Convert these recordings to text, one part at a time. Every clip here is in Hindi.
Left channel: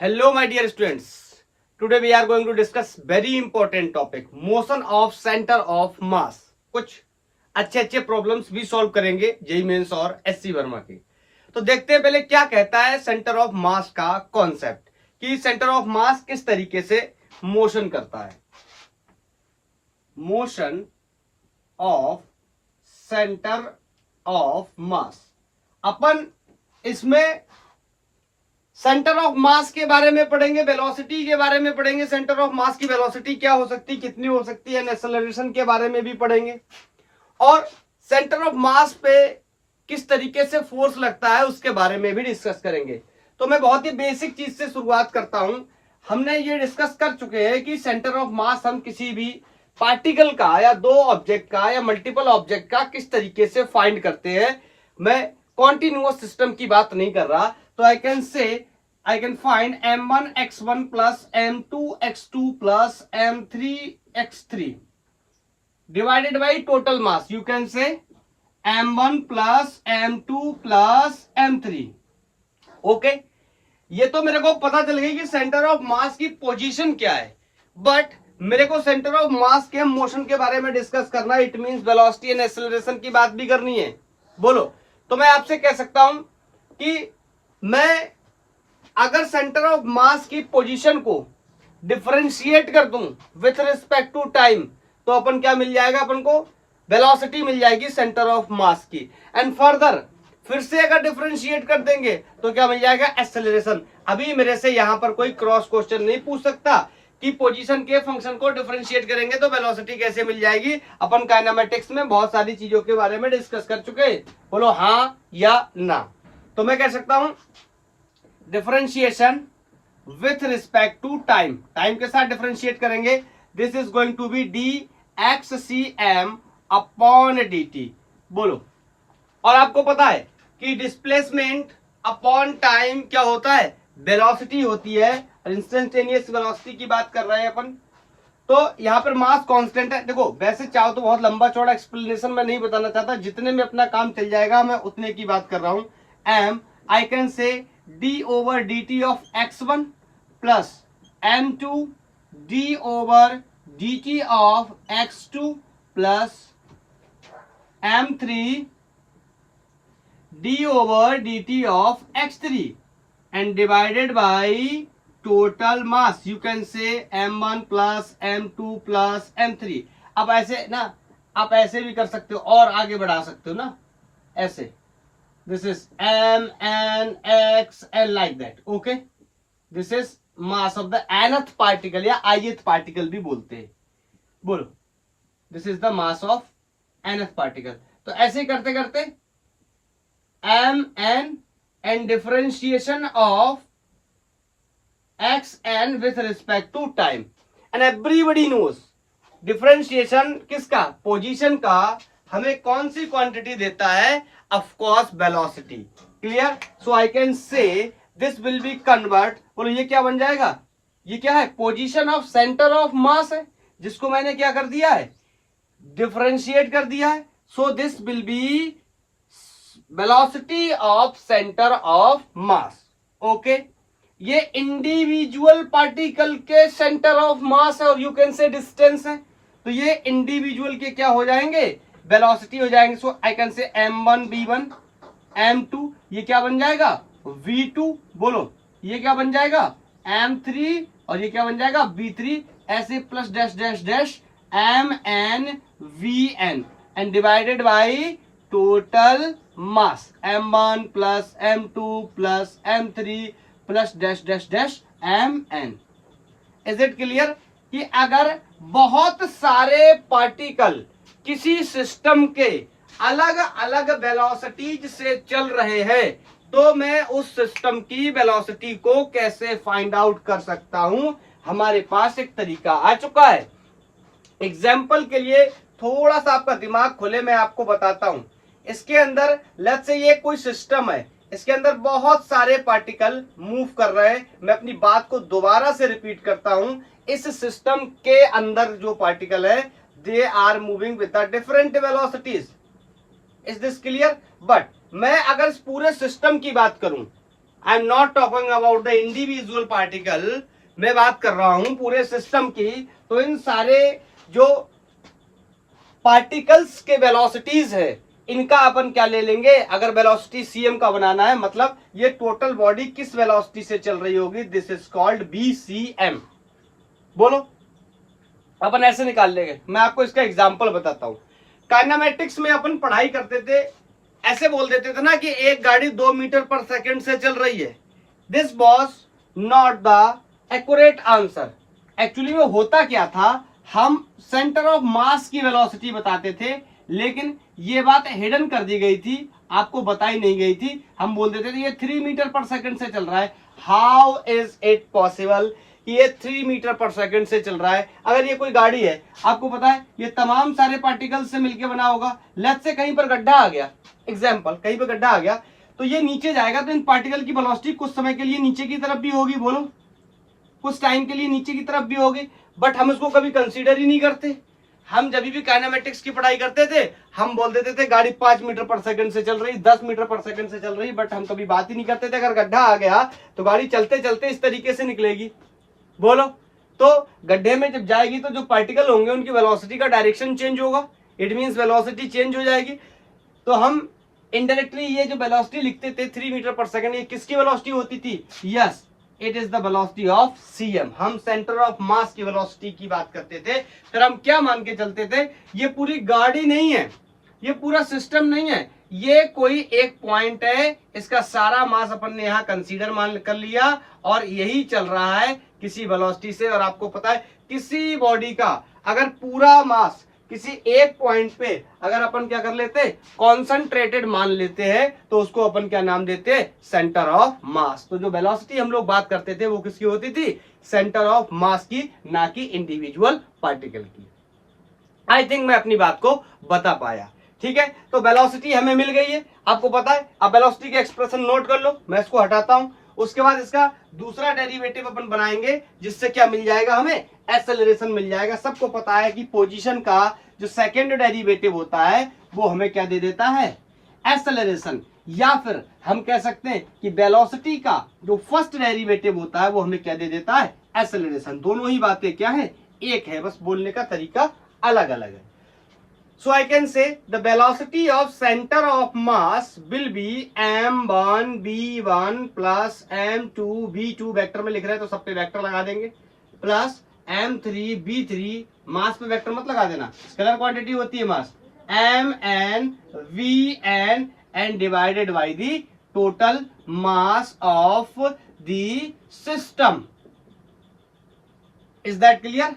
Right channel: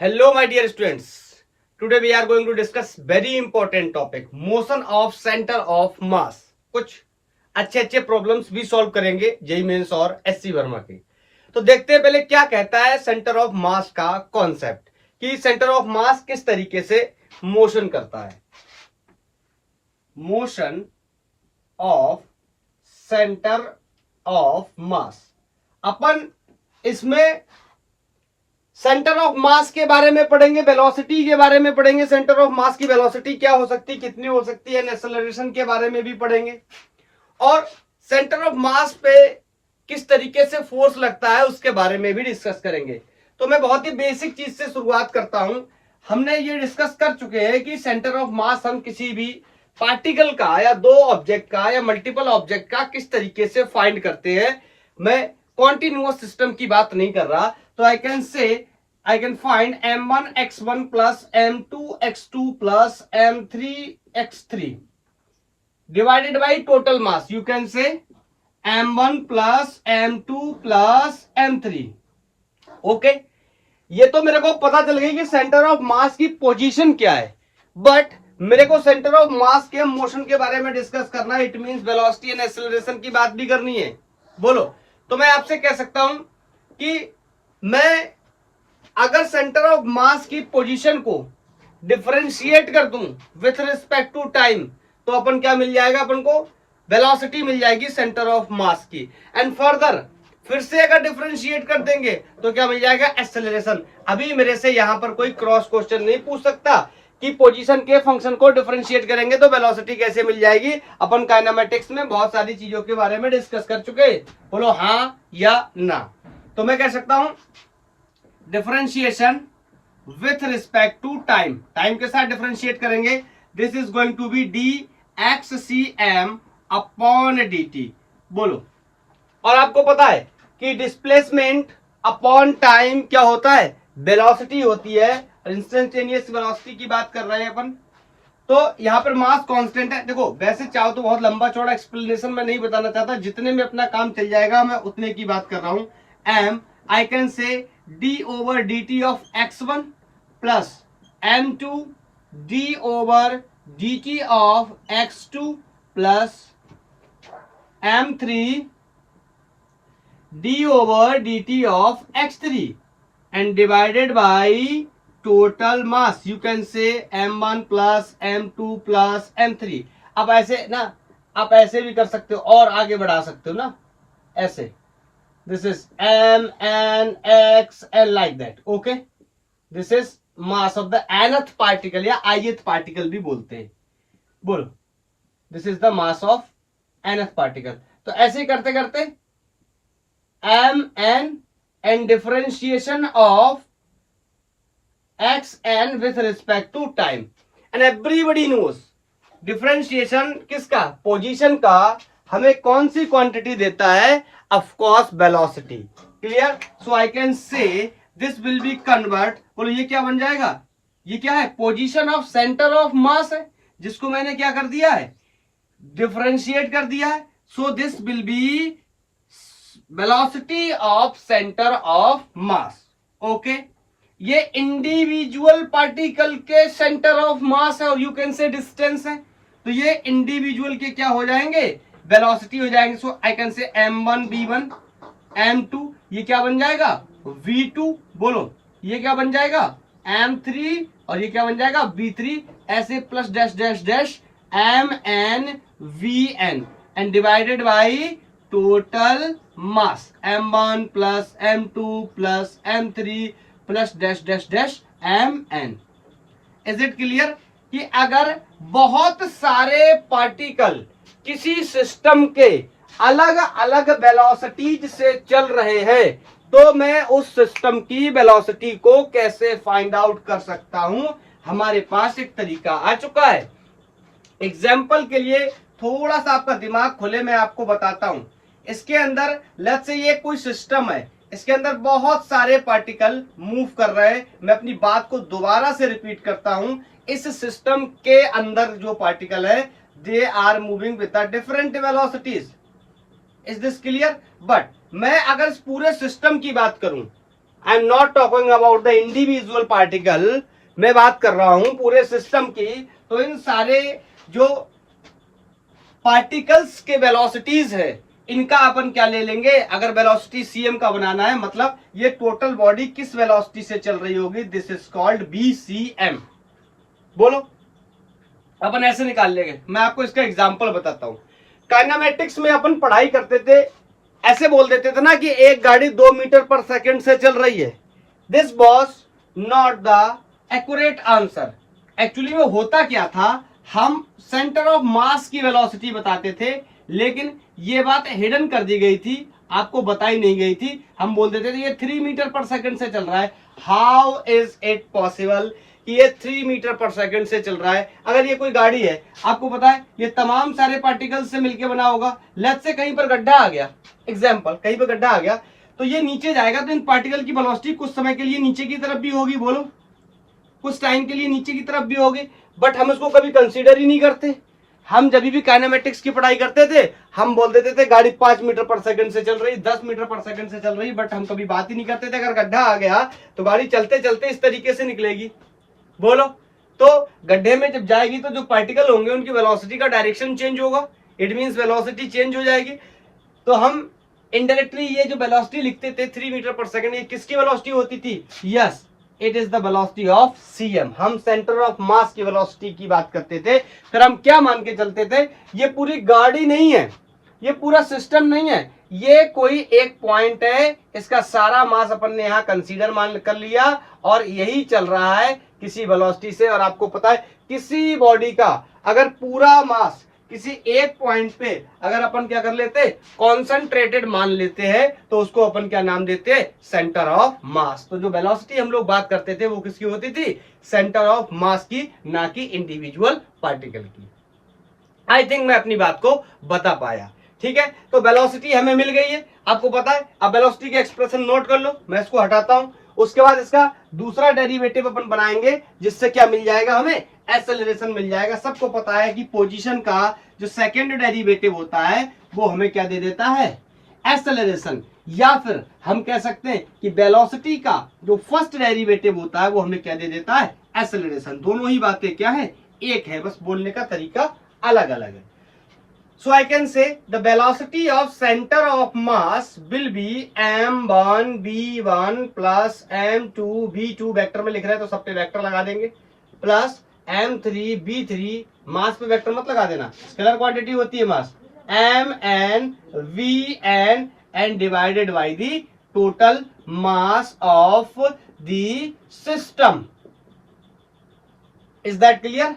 Hello, my dear students. Today we are going to discuss very important topic, motion of center of mass. कुछ अच्छे अच्छे प्रॉब्लम्स भी सॉल्व करेंगे जेई मेंस और एससी वर्मा के। तो देखते हैं पहले क्या कहता है सेंटर ऑफ मास का कॉन्सेप्ट, कि सेंटर ऑफ मास किस तरीके से मोशन करता है। Motion of centre of mass, अपन इसमें सेंटर ऑफ मास के बारे में पढ़ेंगे, वेलोसिटी के बारे में पढ़ेंगे, सेंटर ऑफ मास की वेलोसिटी क्या हो सकती है, कितनी हो सकती है, एक्सेलरेशन के बारे में भी पढ़ेंगे, और सेंटर ऑफ मास पे किस तरीके से फोर्स लगता है उसके बारे में भी डिस्कस करेंगे। तो मैं बहुत ही बेसिक चीज से शुरुआत करता हूं। हमने ये डिस्कस कर चुके हैं कि सेंटर ऑफ मास हम किसी भी पार्टिकल का या दो ऑब्जेक्ट का या मल्टीपल ऑब्जेक्ट का किस तरीके से फाइंड करते हैं। मैं कॉन्टिन्यूअस सिस्टम की बात नहीं कर रहा, तो I can find m1 x1 plus m2 x2 plus m3 x3 divided by total mass. You can say m1 plus m2 plus m3. Okay, ये तो मेरे को पता चल गई कि सेंटर ऑफ मास की पोजीशन क्या है, बट मेरे को सेंटर ऑफ मास के मोशन के बारे में डिस्कस करना है। It means velocity and acceleration की बात भी करनी है। बोलो, तो मैं आपसे कह सकता हूं कि मैं अगर सेंटर ऑफ मास की पोजीशन को डिफरेंशिएट कर दूं विथ रिस्पेक्ट टू टाइम, तो अपन क्या मिल जाएगा, अपन को वेलोसिटी मिल जाएगी सेंटर ऑफ मास की। एंड फर्दर फिर से अगर डिफरेंशिएट कर देंगे तो क्या मिल जाएगा, एक्सेलरेशन। अभी मेरे से यहां पर कोई क्रॉस क्वेश्चन नहीं पूछ सकता कि पोजीशन के फंक्शन को डिफरेंशिएट करेंगे तो वेलोसिटी कैसे मिल जाएगी। अपन काइनेमेटिक्स में बहुत सारी चीजों के बारे में डिस्कस कर चुके। बोलो हाँ या ना। तो मैं कह सकता हूं differentiation with respect to time, time के साथ डिफरेंशिएट करेंगे। This is going to be d x c m upon d t. बोलो, और आपको पता है कि डिस्प्लेसमेंट अपॉन टाइम क्या होता है, वेलोसिटी होती है। इंस्टेंटेनियस वेलोसिटी की बात कर रहे हैं अपन। तो यहां पर मास कांस्टेंट है। देखो, वैसे चाहो तो बहुत लंबा चौड़ा एक्सप्लेनेशन में नहीं बताना चाहता, जितने में अपना काम चल जाएगा मैं उतने की बात कर रहा हूं। Am I can say d over dt of x1 plus m2 d over dt of x2 plus m3 d over dt of x3 and divided by total mass. You can say m1 plus m2 plus m3. अब ऐसे ना, आप ऐसे भी कर सकते हो और आगे बढ़ा सकते हो ना, ऐसे। This is m, n, x, and like that. Okay? This is mass of the nth particle या ith particle भी बोलते हैं। बोलो, this is the mass of nth particle. तो ऐसे करते करते m, n and differentiation of x, n with respect to time. And everybody knows differentiation किसका, पोजीशन का, हमें कौन सी क्वांटिटी देता है, of course velocity. Clear? So I can say this will be convert. और ये क्या बन जाएगा, ये क्या है, position of centre of mass है, जिसको मैंने क्या कर दिया है, डिफरेंशिएट कर दिया है। So this will be velocity of centre of mass. Okay, ये इंडिविजुअल पार्टिकल के सेंटर ऑफ मास है और यू कैन से डिस्टेंस है। तो ये इंडिविजुअल के क्या हो जाएंगे, वेलोसिटी हो जाएंगे। सो आई कैन से m1 v1 m2, ये क्या बन जाएगा, v2। बोलो, ये क्या बन जाएगा, m3, और ये क्या बन जाएगा, v3। ऐसे plus dash dash dash mn vn and divided by total mass m1 plus m2 plus m3 plus dash dash dash mn। Is it clear कि अगर बहुत सारे पार्टिकल किसी सिस्टम के अलग अलग वेलोसिटीज से चल रहे हैं, तो मैं उस सिस्टम की वेलोसिटी को कैसे फाइंड आउट कर सकता हूं। हमारे पास एक तरीका आ चुका है। एग्जाम्पल के लिए थोड़ा सा आपका दिमाग खोले, मैं आपको बताता हूं। इसके अंदर लेट्स से ये कोई सिस्टम है, इसके अंदर बहुत सारे पार्टिकल मूव कर रहे हैं। मैं अपनी बात को दोबारा से रिपीट करता हूं। इस सिस्टम के अंदर जो पार्टिकल है, they are moving with the different velocities. Is this clear? But मैं अगर इस पूरे सिस्टम की बात करूं, I am not talking about the individual particle, मैं बात कर रहा हूं पूरे सिस्टम की। तो इन सारे जो पार्टिकल्स के वेलोसिटीज है, इनका अपन क्या ले लेंगे, अगर वेलोसिटी cm का बनाना है, मतलब ये टोटल बॉडी किस वेलोसिटी से चल रही होगी, दिस इज कॉल्ड bcm। बोलो, अपन ऐसे निकाल लेंगे। मैं आपको इसका एग्जांपल बताता हूं। काइनेमेटिक्स में अपन पढ़ाई करते थे, ऐसे बोल देते थे ना कि एक गाड़ी 2 मीटर पर सेकंड से चल रही है। This was not the accurate answer. Actually में होता क्या था, हम सेंटर ऑफ मास की वेलोसिटी बताते थे, लेकिन ये बात हिडन कर दी गई थी, आपको बताई नहीं गई थी। हम बोल देते थे ये 3 मीटर पर सेकंड से चल रहा है। हाउ इज इट पॉसिबल कि ये 3 मीटर पर सेकंड से चल रहा है? अगर ये कोई गाड़ी है, आपको पता है ये तमाम सारे पार्टिकल से मिलकर बना होगा। लेट्स से कहीं पर गड्ढा आ गया, एग्जाम्पल कहीं पर गड्ढा आ गया, तो ये नीचे जाएगा, तो इन पार्टिकल की वेलोसिटी कुछ समय के लिए नीचे की तरफ भी होगी, बोलो, कुछ टाइम के लिए नीचे की तरफ भी होगी। बट हम इसको कभी कंसीडर ही नहीं करते। हम जब भी काइनेमेटिक्स की पढ़ाई करते थे, हम बोल देते थे गाड़ी 5 मीटर पर सेकंड से चल रही, 10 मीटर पर सेकंड से चल रही, बट हम कभी बात ही नहीं करते थे अगर गड्ढा आ गया तो गाड़ी चलते चलते इस तरीके से निकलेगी। बोलो, तो गड्ढे में जब जाएगी तो जो पार्टिकल होंगे उनकी वेलोसिटी का डायरेक्शन चेंज होगा, इट मींस वेलोसिटी चेंज हो जाएगी। तो हम इनडायरेक्टली ये जो वेलोसिटी लिखते थे 3 मीटर पर सेकंड, ये किसकी वेलोसिटी होती थी? Yes, it is the velocity of cm। हम सेंटर ऑफ मास की वेलोसिटी की बात करते थे। फिर हम क्या मान के चलते थे, ये पूरी गाड़ी नहीं है, ये पूरा सिस्टम नहीं है, ये कोई एक पॉइंट है, इसका सारा मास अपन ने यहां कंसीडर मान कर लिया और यही चल रहा है किसी वेलोसिटी से। और आपको पता है किसी बॉडी का अगर पूरा मास किसी एक पॉइंट पे अगर अपन क्या कर लेते, कॉन्सेंट्रेटेड मान लेते हैं, तो उसको अपन क्या नाम देते हैं, सेंटर ऑफ मास। तो जो वेलोसिटी हम लोग बात करते थे वो किसकी होती थी, सेंटर ऑफ मास की, ना कि इंडिविजुअल पार्टिकल की। आई थिंक मैं अपनी बात को बता पाया, ठीक है। तो वेलोसिटी हमें मिल गई है, आपको पता है। अब वेलोसिटी का एक्सप्रेशन नोट कर लो, मैं इसको हटाता हूं। उसके बाद इसका दूसरा डेरिवेटिव अपन बनाएंगे, जिससे क्या मिल जाएगा, हमें एक्सेलरेशन मिल जाएगा। सबको पता है कि पोजीशन का जो सेकंड डेरिवेटिव होता है वो हमें क्या दे देता है, एक्सेलरेशन। या फिर हम कह सकते हैं कि वेलोसिटी का जो फर्स्ट डेरिवेटिव होता है वो हमें क्या दे देता है, एक्सेलरेशन। दोनों ही बातें क्या है, एक है, बस बोलने का तरीका अलग अलग है। So I can say the velocity of center of mass will be m1 v1 plus m2 v2, vector में लिख रहे हैं तो सब पे वेक्टर लगा देंगे, प्लस m3 v3, मास पे वेक्टर मत लगा देना, स्केलर क्वांटिटी होती है मास, mn vn and divided by the total mass of the system. Is that clear?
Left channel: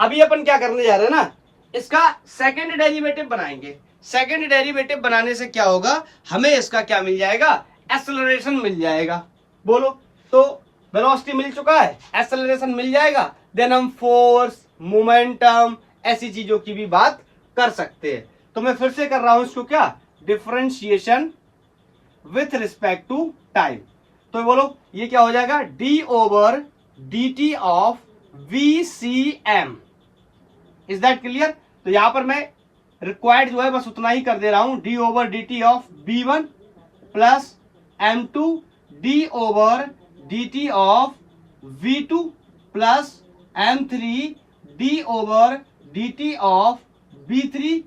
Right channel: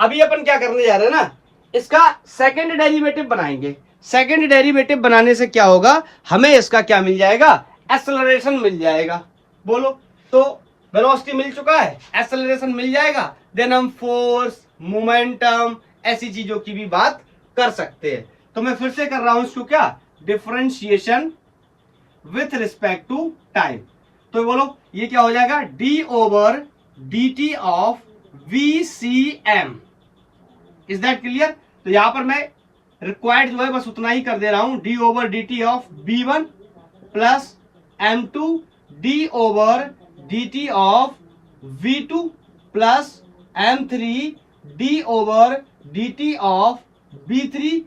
अभी अपन क्या करने जा रहे हैं ना, इसका सेकंड डेरिवेटिव बनाएंगे। सेकंड डेरिवेटिव बनाने से क्या होगा, हमें इसका क्या मिल जाएगा, एक्सेलरेशन मिल जाएगा। बोलो, तो वेलोसिटी मिल चुका है, एक्सेलरेशन मिल जाएगा, देन हम फोर्स, मोमेंटम, ऐसी चीजों की भी बात कर सकते हैं। तो मैं फिर से कर रहा हूं इसको क्या, differentiation with respect to time. तो बोलो ये क्या हो जाएगा, d over d t of VCM। Is that clear? तो यहां पर मैं रिक्वायर्ड जो है बस उतना ही कर दे रहा हूं, D over d t of B1 plus M2 D over d t of V2 plus M3 D over d t of B3।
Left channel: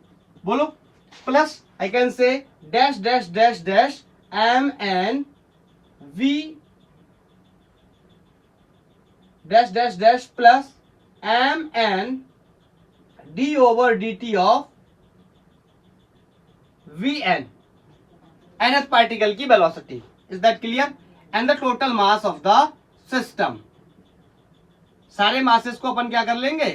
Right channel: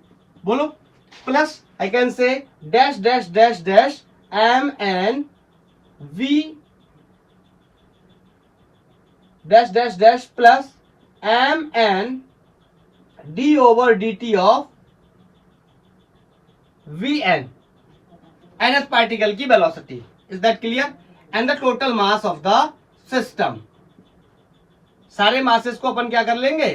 बोलो, प्लस आई कैन से dash dash dash dash MN V dash dash dash plus MN d over dt of Vn, nth particle की velocity. Is that clear? And the total mass of the system. सारे masses को अपन क्या कर लेंगे,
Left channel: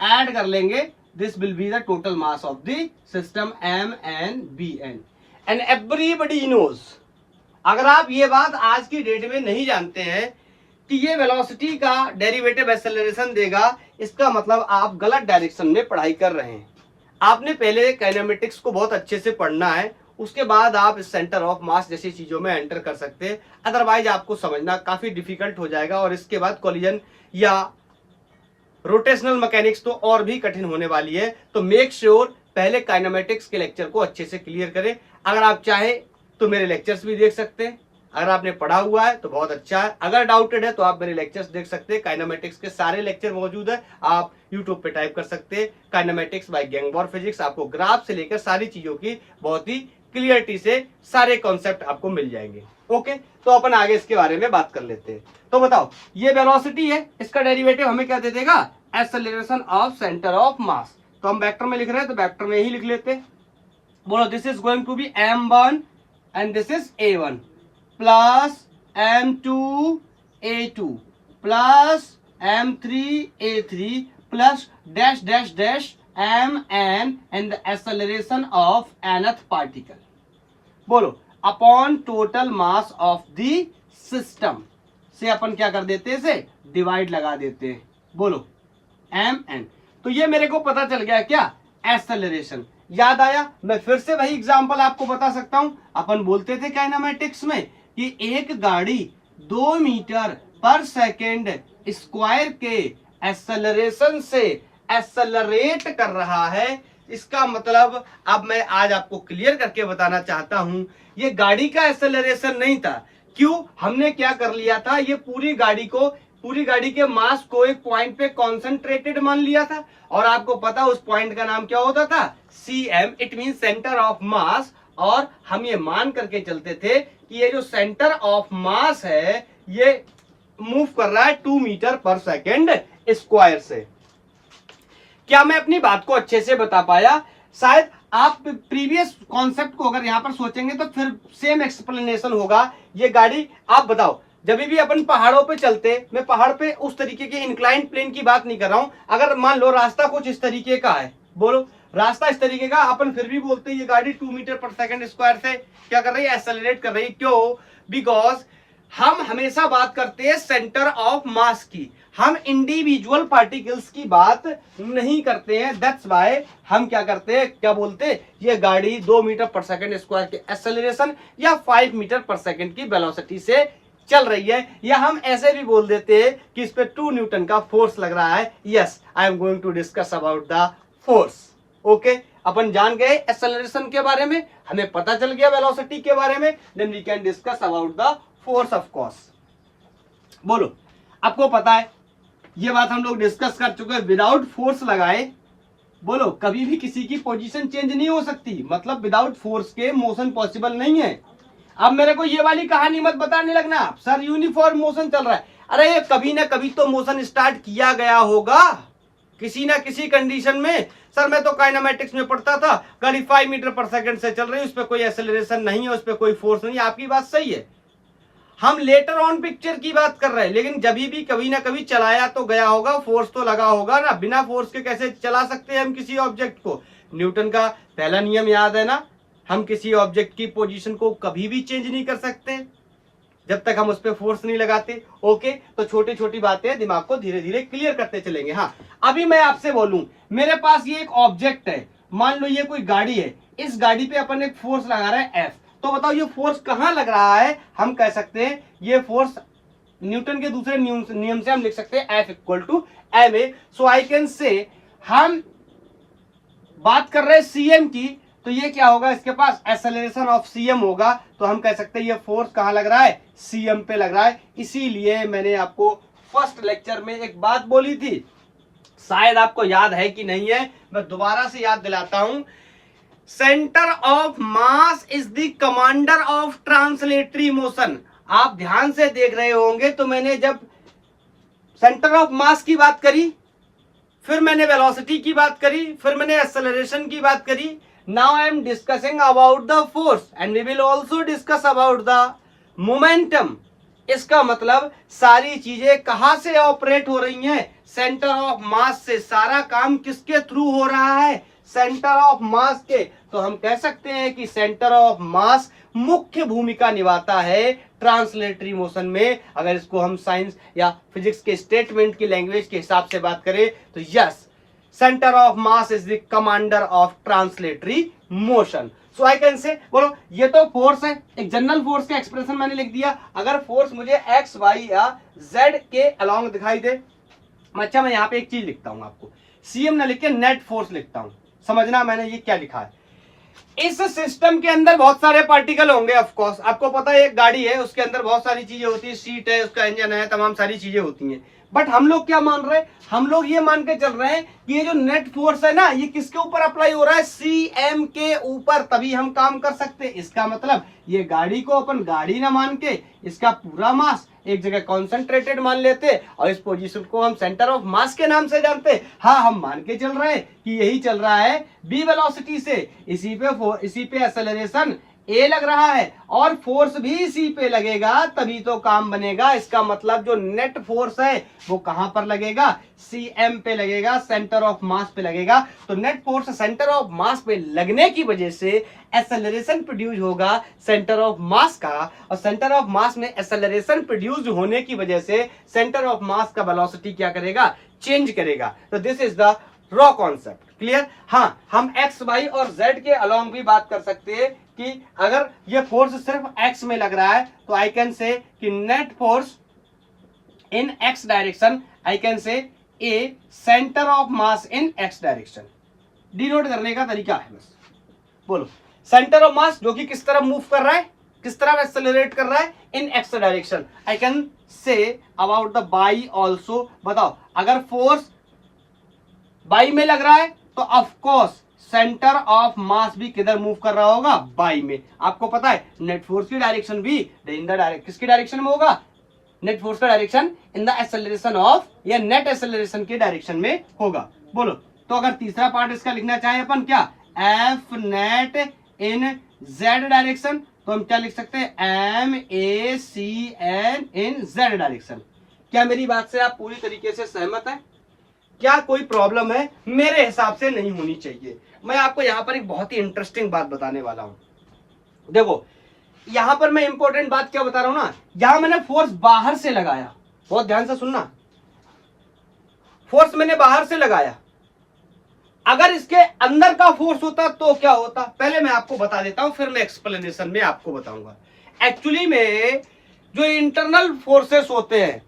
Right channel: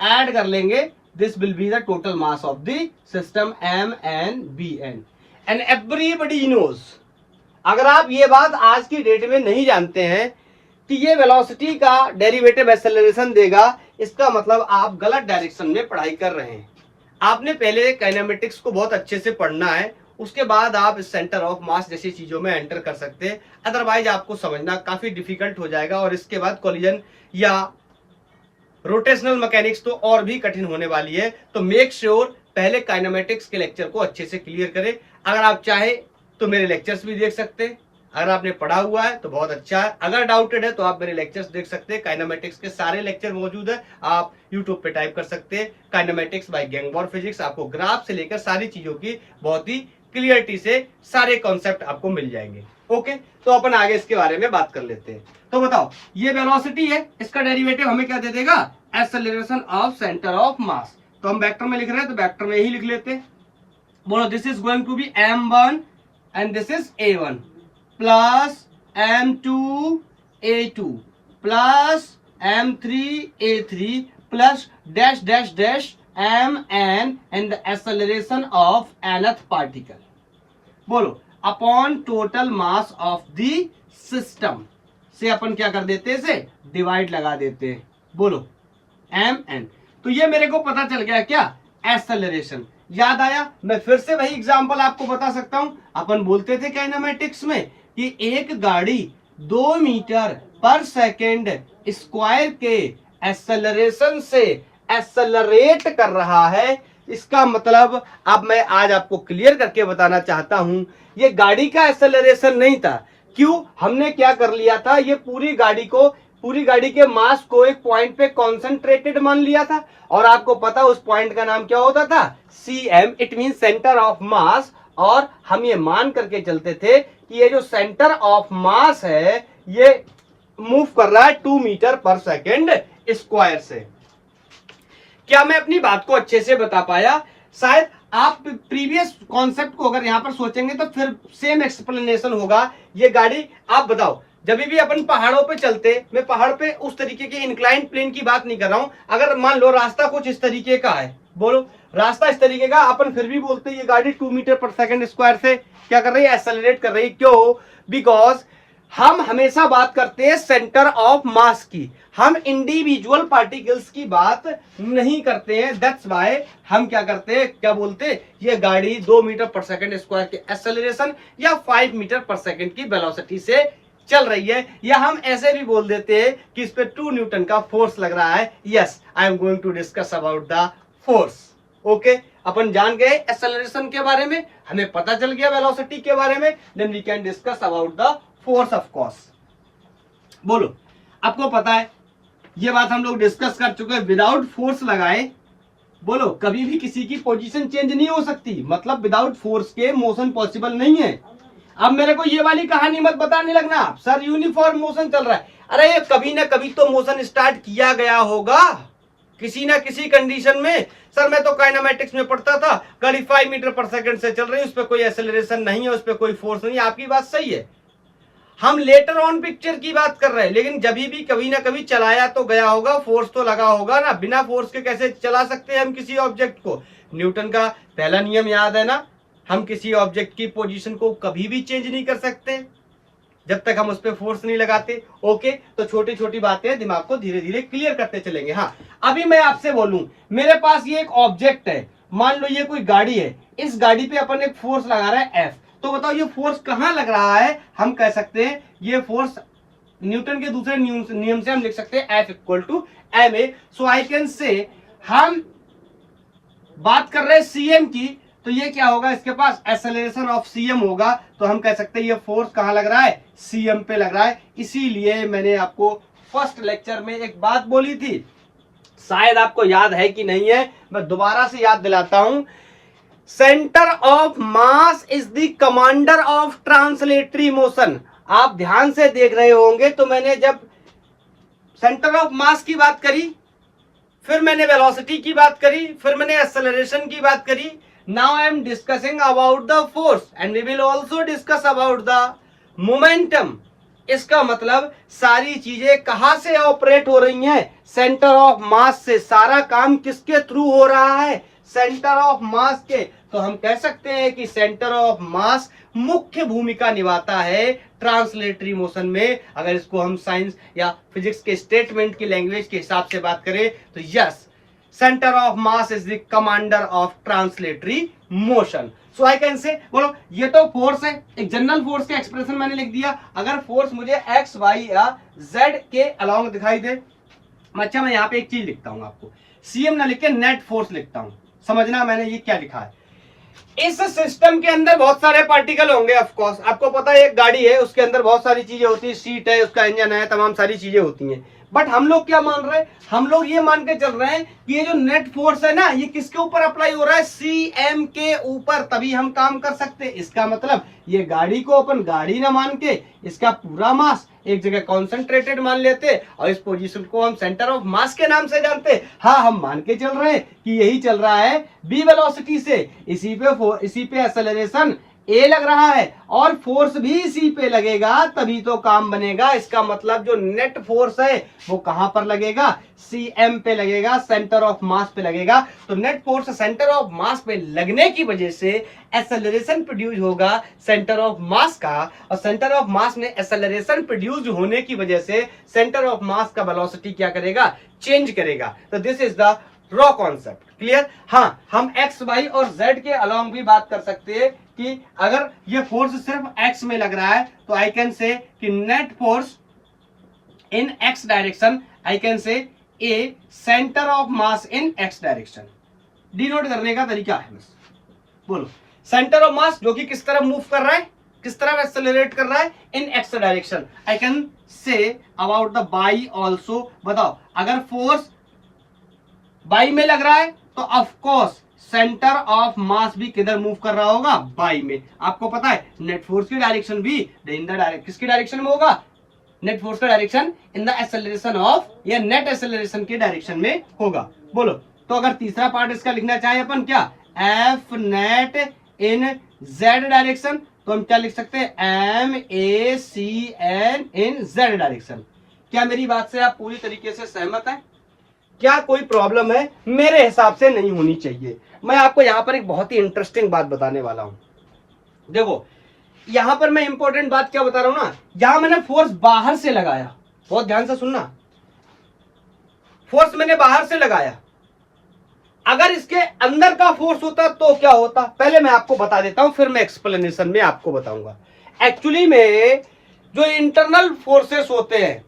add कर लेंगे. This will be the total mass of the system m n b n. And everybody knows, अगर आप ये बात आज की डेट में नहीं जानते हैं कि ये वेलोसिटी का डेरिवेटिव एक्सेलरेशन देगा, इसका मतलब आप गलत डायरेक्शन में पढ़ाई कर रहे हैं। आपने पहले काइनेमेटिक्स को बहुत अच्छे से पढ़ना है, उसके बाद आप इस सेंटर ऑफ मास जैसी चीजों में एंटर कर सकते हैं, अदरवाइज आपको समझना काफी डिफिकल्ट हो जाएगा और इसके बाद कोलिजन या रोटेशनल मैकेनिक्स तो और भी कठिन होने वाली है। तो मेक श्योर पहले काइनेमेटिक्स के लेक्चर को अच्छे से क्लियर करें। अगर आप चाहे तो मेरे लेक्चर्स भी देख सकते हैं, अगर आपने पढ़ा हुआ है तो बहुत अच्छा है, अगर डाउटेड है तो आप मेरे लेक्चर्स देख सकते हैं। काइनेमेटिक्स के सारे लेक्चर मौजूद है, आप यूट्यूब पे टाइप कर सकते हैं काइनेमेटिक्स बाय गैंगबॉर फिजिक्स। आपको ग्राफ से लेकर सारी चीजों की बहुत ही क्लियरिटी से सारे कॉन्सेप्ट आपको मिल जाएंगे। ओके, तो अपन आगे इसके बारे में बात कर लेते हैं। तो बताओ, ये वेलोसिटी है, इसका डेरिवेटिव हमें क्या दे देगा, एक्सेलरेशन ऑफ सेंटर ऑफ मास। तो हम वेक्टर में लिख रहे हैं तो वेक्टर में ही लिख लेते हैं। बोलो, this is going to be m1 and this is a1 plus m2 a2 plus m3 a3 plus dash dash dash mn and the acceleration of nth particle. बोलो, upon total mass of the system से अपन क्या कर देते हैं, इसे डिवाइड लगा देते हैं। बोलो mn। तो ये मेरे को पता चल गया क्या, एक्सेलरेशन। याद आया, मैं फिर से वही एग्जांपल आपको बता सकता हूं। अपन बोलते थे काइनेमेटिक्स में कि एक गाड़ी 2 मीटर पर सेकेंड स्क्वायर के एक्सेलरेशन से एक्सेलरेट कर रहा है। इसका मतलब अब मैं आज आपको क्लियर करके बताना चाहता हूं, ये गाड़ी का एक्सेलरेशन नहीं था। क्यों, हमने क्या कर लिया था, ये पूरी गाड़ी के मास को एक पॉइंट पे कॉन्सेंट्रेटेड मान लिया था। और आपको पता उस पॉइंट का नाम क्या होता था, CM, it mean centre of मास। और हम ये मान करके चलते थे कि ये जो सेंटर ऑफ मास है ये मूव कर रहा है 2 मीटर पर सेकेंड स्क्वायर से। क्या मैं अपनी बात को अच्छे से बता पाया? शायद आप प्रीवियस कॉन्सेप्ट को अगर यहां पर सोचेंगे तो फिर सेम एक्सप्लेनेशन होगा। ये गाड़ी, आप बताओ, जब भी अपन पहाड़ों पे चलते, मैं पहाड़ पे उस तरीके के इंक्लाइंड प्लेन की बात नहीं कर रहा हूं। अगर मान लो रास्ता कुछ इस तरीके का है, बोलो रास्ता इस तरीके का, अपन फिर भी बोलते हैं ये गाड़ी 2 मीटर पर सेकेंड स्क्वायर से क्या कर रही है, एक्सेलरेट कर रही है। क्यों? बिकॉज हम हमेशा बात करते हैं सेंटर ऑफ मास की, हम इंडिविजुअल पार्टिकल्स की बात नहीं करते हैं। दैट्स व्हाई हम क्या करते हैं, क्या बोलते हैं, ये गाड़ी 2 मीटर पर सेकेंड स्क्वायर के एक्सेलरेशन या 5 मीटर पर सेकेंड की वेलोसिटी से चल रही है। या हम ऐसे भी बोल देते हैं कि इस पे 2 न्यूटन का फोर्स लग रहा है। Yes, I am going to discuss about the force. Okay, अपन जान गए एक्सेलरेशन के बारे में, हमें पता चल गया वेलोसिटी के बारे में, then we can discuss about the force of course. बोलो, आपको पता है ये बात हम लोग डिस्कस कर चुके हैं, विदाउट फोर्स लगाए, बोलो कभी भी किसी की पोजीशन चेंज नहीं हो सकती। मतलब विदाउट फोर्स के मोशन पॉसिबल नहीं है। अब मेरे को ये वाली कहानी मत बताने लगना, सर यूनिफॉर्म मोशन चल रहा है। अरे ये कभी ना कभी तो मोशन स्टार्ट किया गया होगा किसी ना किसी कंडीशन में। सर मैं तो काइनेमेटिक्स में पढ़ता था, गाड़ी 5 मीटर पर सेकंड से चल रही है, उस पर कोई एक्सेलरेशन नहीं है, उस पर कोई फोर्स नहीं है। आपकी बात सही है, हम लेटर ऑन पिक्चर की बात कर रहे हैं, लेकिन जब भी कभी ना कभी चलाया तो गया होगा, फोर्स तो लगा होगा ना। बिना फोर्स के कैसे चला सकते हैं हम किसी ऑब्जेक्ट को? न्यूटन का पहला नियम याद है ना, हम किसी ऑब्जेक्ट की पोजीशन को कभी भी चेंज नहीं कर सकते जब तक हम उस पर फोर्स नहीं लगाते। ओके, तो छोटी छोटी बातें दिमाग को धीरे धीरे क्लियर करते चलेंगे। हाँ, अभी मैं आपसे बोलूं, मेरे पास ये एक ऑब्जेक्ट है, मान लो ये कोई गाड़ी है, इस गाड़ी पे अपन एक फोर्स लगा रहे हैं F। तो बताओ ये फोर्स कहां लग रहा है? हम कह सकते हैं ये फोर्स न्यूटन के दूसरे नियम से हम लिख सकते हैं F equal to ma। So I can say, हम बात कर रहे हैं CM की, तो ये क्या होगा, इसके पास एक्सेलरेशन ऑफ CM होगा। तो हम कह सकते हैं ये फोर्स कहां लग रहा है, CM पे लग रहा है। इसीलिए मैंने आपको फर्स्ट लेक्चर में एक बात बोली थी, शायद आपको याद है कि नहीं है, मैं दोबारा से याद दिलाता हूं। Centre of mass is the commander of translatory motion. आप ध्यान से देख रहे होंगे, तो मैंने जब सेंटर ऑफ मास की बात करी, फिर मैंने वेलोसिटी की बात करी, फिर मैंने एक्सेलरेशन की बात करी। Now I am discussing about the force and we will also discuss about the momentum. इसका मतलब सारी चीजें कहां से ऑपरेट हो रही हैं, सेंटर ऑफ मास से। सारा काम किसके थ्रू हो रहा है, सेंटर ऑफ मास के। तो हम कह सकते हैं कि सेंटर ऑफ मास मुख्य भूमिका निभाता है ट्रांसलेटरी मोशन में। अगर इसको हम साइंस या फिजिक्स के स्टेटमेंट की लैंग्वेज के हिसाब से बात करें तो yes, centre of mass is the commander of translatory motion. So I can से, बोलो ये तो फोर्स है, एक जनरल फोर्स का एक्सप्रेशन मैंने लिख दिया। अगर फोर्स मुझे एक्स वाई या जेड के अलोंग दिखाई दे, अच्छा मैं यहाँ पे एक चीज लिखता हूं आपको, CM ना लिख के नेट फोर्स लिखता हूं, समझना मैंने ये क्या लिखा है। इस सिस्टम के अंदर बहुत सारे पार्टिकल होंगे। ऑफ कोर्स आपको पता है एक गाड़ी है, उसके अंदर बहुत सारी चीजें होती है, सीट है, उसका इंजन है, तमाम सारी चीजें होती हैं। बट हम लोग क्या मान रहे हैं, हम लोग ये मान के चल रहे हैं कि ये जो नेट फोर्स है ना, ये किसके ऊपर अप्लाई हो रहा है, सीएम के ऊपर, तभी हम काम कर सकते हैं। इसका मतलब ये गाड़ी को अपन गाड़ी ना मान के इसका पूरा मास एक जगह कॉन्सेंट्रेटेड मान लेते और इस पोजीशन को हम सेंटर ऑफ मास के नाम से जानते। हाँ, हम मान के चल रहे हैं कि यही चल रहा है बी वेलोसिटी से, इसी पे एक्सेलरेशन ए लग रहा है और फोर्स भी इसी पे लगेगा, तभी तो काम बनेगा। इसका मतलब जो नेट फोर्स है वो कहां पर लगेगा, सीएम पे लगेगा, सेंटर ऑफ मास पे लगेगा। तो नेट फोर्स सेंटर ऑफ मास पे लगने की वजह से एक्सेलरेशन प्रोड्यूस होगा सेंटर ऑफ मास का, और सेंटर ऑफ मास में एक्सेलरेशन प्रोड्यूस होने की वजह से सेंटर ऑफ मास का वेलोसिटी क्या करेगा, चेंज करेगा। तो this is the raw concept. Clear? हाँ, हम एक्स वाई और जेड के अलोंग भी बात कर सकते हैं कि अगर ये फोर्स सिर्फ एक्स में लग रहा है तो आई कैन से कि net force in x direction, I can से ए centre of mass in x direction. Denote करने का तरीका है बस। बोलो, सेंटर ऑफ मास जो कि किस तरफ मूव कर रहा है, किस तरफ एक्सेलरेट कर रहा है, in x direction. I can say about the y also. बताओ, अगर फोर्स बाई में लग रहा है तो of course centre of mass भी किधर मूव कर रहा होगा, बाई में। आपको पता है नेट फोर्स की डायरेक्शन भी इन द डायरेक्शन, किसकी डायरेक्शन में होगा, नेट फोर्स का direction in the acceleration of, या नेट एक्सेलरेशन के डायरेक्शन में होगा। बोलो, तो अगर तीसरा पार्ट इसका लिखना चाहे अपन क्या, F net in z direction, तो हम क्या लिख सकते हैं, m a c n in z direction. क्या मेरी बात से आप पूरी तरीके से सहमत हैं? क्या कोई प्रॉब्लम है? मेरे हिसाब से नहीं होनी चाहिए। मैं आपको यहां पर एक बहुत ही इंटरेस्टिंग बात बताने वाला हूं। देखो, यहां पर मैं इंपॉर्टेंट बात क्या बता रहा हूं ना, यहां मैंने फोर्स बाहर से लगाया, बहुत ध्यान से सुनना, फोर्स मैंने बाहर से लगाया। अगर इसके अंदर का फोर्स होता तो क्या होता, पहले मैं आपको बता देता हूं, फिर मैं एक्सप्लेनेशन में आपको बताऊंगा। एक्चुअली में जो इंटरनल फोर्सेस होते हैं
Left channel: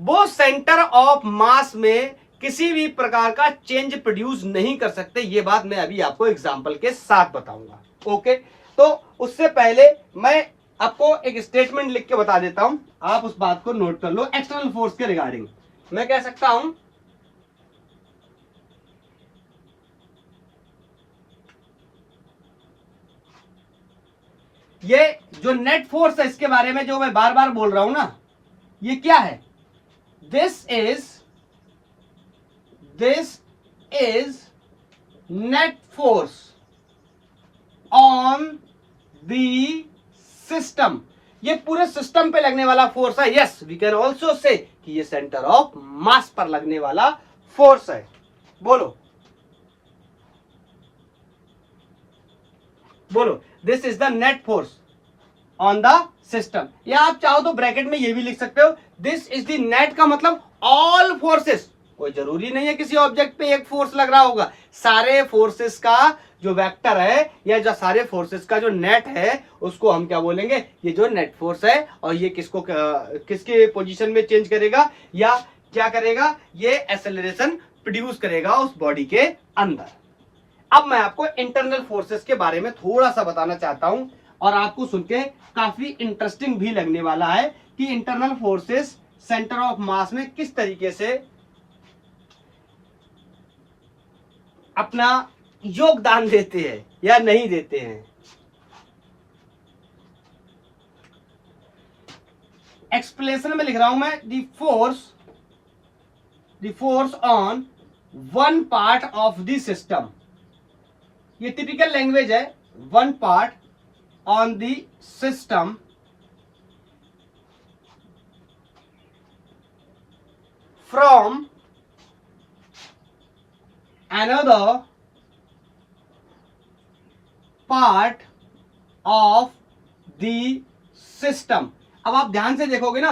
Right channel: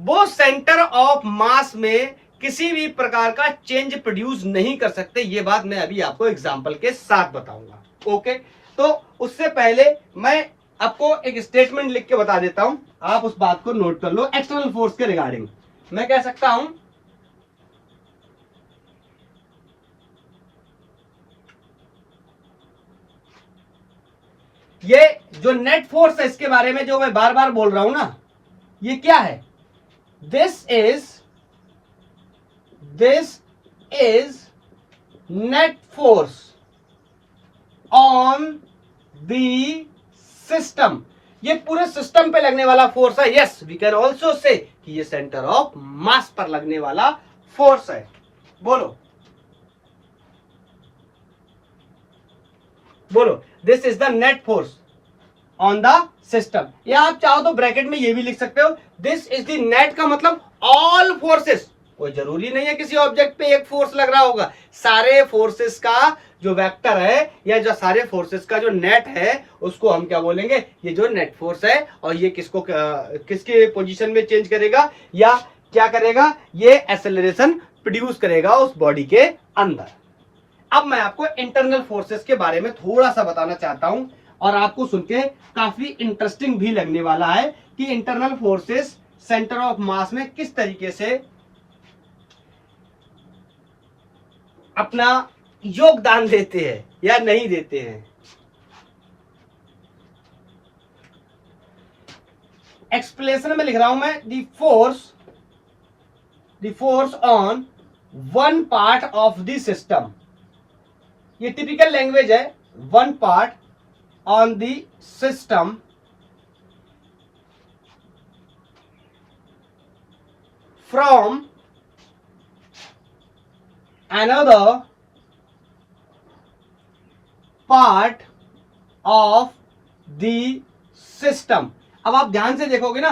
वो सेंटर ऑफ मास में किसी भी प्रकार का चेंज प्रोड्यूस नहीं कर सकते। ये बात मैं अभी आपको एग्जांपल के साथ बताऊंगा। ओके, तो उससे पहले मैं आपको एक स्टेटमेंट लिख के बता देता हूं, आप उस बात को नोट कर लो। एक्सटर्नल फोर्स के रिगार्डिंग मैं कह सकता हूं, ये जो नेट फोर्स है इसके बारे में जो मैं बार बार बोल रहा हूं ना, ये क्या है, this is net force on the system. ये पूरे सिस्टम पे लगने वाला फोर्स है। Yes, we can also say कि ये सेंटर ऑफ मास पर लगने वाला फोर्स है। बोलो बोलो, this is the net force on the system. या आप चाहो तो ब्रैकेट में ये भी लिख सकते हो, दिस इज द नेट, का मतलब ऑल फोर्सेस। कोई जरूरी नहीं है किसी ऑब्जेक्ट पे एक फोर्स लग रहा होगा, सारे फोर्सेस का जो वेक्टर है या जो सारे फोर्सेस का जो नेट है उसको हम क्या बोलेंगे, ये जो नेट फोर्स है। और ये किसको किसके पोजीशन में चेंज करेगा या क्या करेगा, ये एक्सेलरेशन प्रोड्यूस करेगा उस बॉडी के अंदर। अब मैं आपको इंटरनल फोर्सेस के बारे में थोड़ा सा बताना चाहता हूं और आपको सुन के काफी इंटरेस्टिंग भी लगने वाला है कि इंटरनल फोर्सेस सेंटर ऑफ मास में किस तरीके से अपना योगदान देते हैं या नहीं देते हैं। एक्सप्लेनेशन में लिख रहा हूं मैं, the force on one part of the system. ये टिपिकल लैंग्वेज है, one part on the system from another part of the system। अब आप ध्यान से देखोगे ना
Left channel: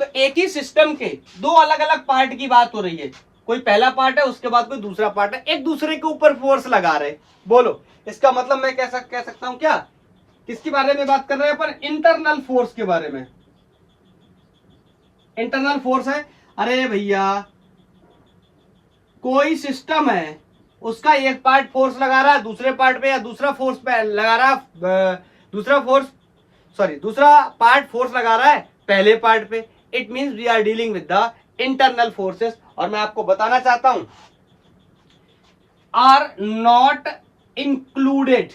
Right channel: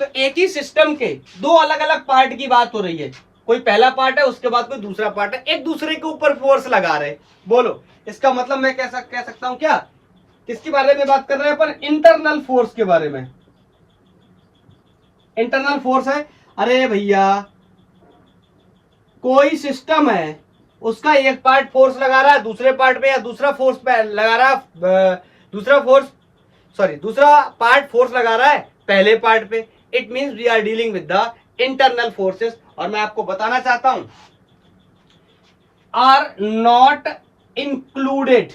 तो एक ही सिस्टम के दो अलग अलग पार्ट की बात हो रही है। कोई पहला पार्ट है, उसके बाद कोई दूसरा पार्ट है, एक दूसरे के ऊपर फोर्स लगा रहे। बोलो, इसका मतलब मैं कह सकता हूं क्या, किसके बारे में बात कर रहे हैं अपन, इंटरनल फोर्स के बारे में। इंटरनल फोर्स है, अरे भैया कोई सिस्टम है उसका एक पार्ट फोर्स लगा रहा है दूसरे पार्ट पे, या दूसरा फोर्स पे लगा रहा है दूसरा पार्ट फोर्स लगा रहा है पहले पार्ट पे, it means we are dealing with the internal forces. और मैं आपको बताना चाहता हूं आर नॉट इंक्लूडेड,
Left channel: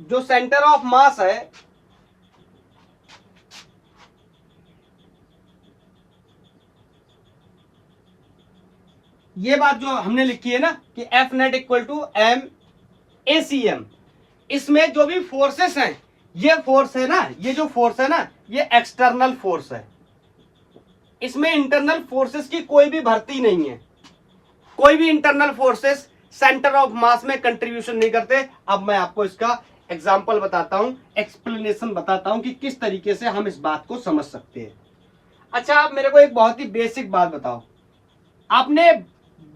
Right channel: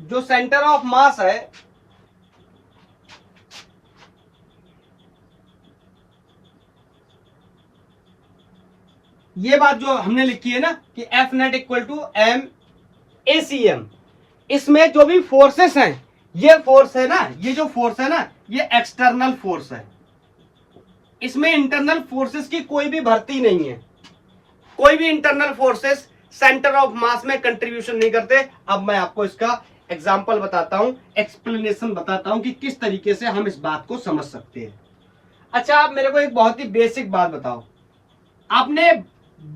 जो सेंटर ऑफ मास है, ये बात जो हमने लिखी है ना कि F net equal to m a c m, इसमें जो भी फोर्सेस हैं, ये फोर्स है ना, ये जो फोर्स है ना, ये एक्सटर्नल फोर्स है, इसमें इंटरनल फोर्सेस की कोई भी भर्ती नहीं है, कोई भी इंटरनल फोर्सेस सेंटर ऑफ मास में कंट्रीब्यूशन नहीं करते। अब मैं आपको इसका एग्जांपल बताता हूं, एक्सप्लेनेशन बताता हूं कि किस तरीके से हम इस बात को समझ सकते हैं। अच्छा, आप मेरे को एक बहुत ही बेसिक बात बताओ, आपने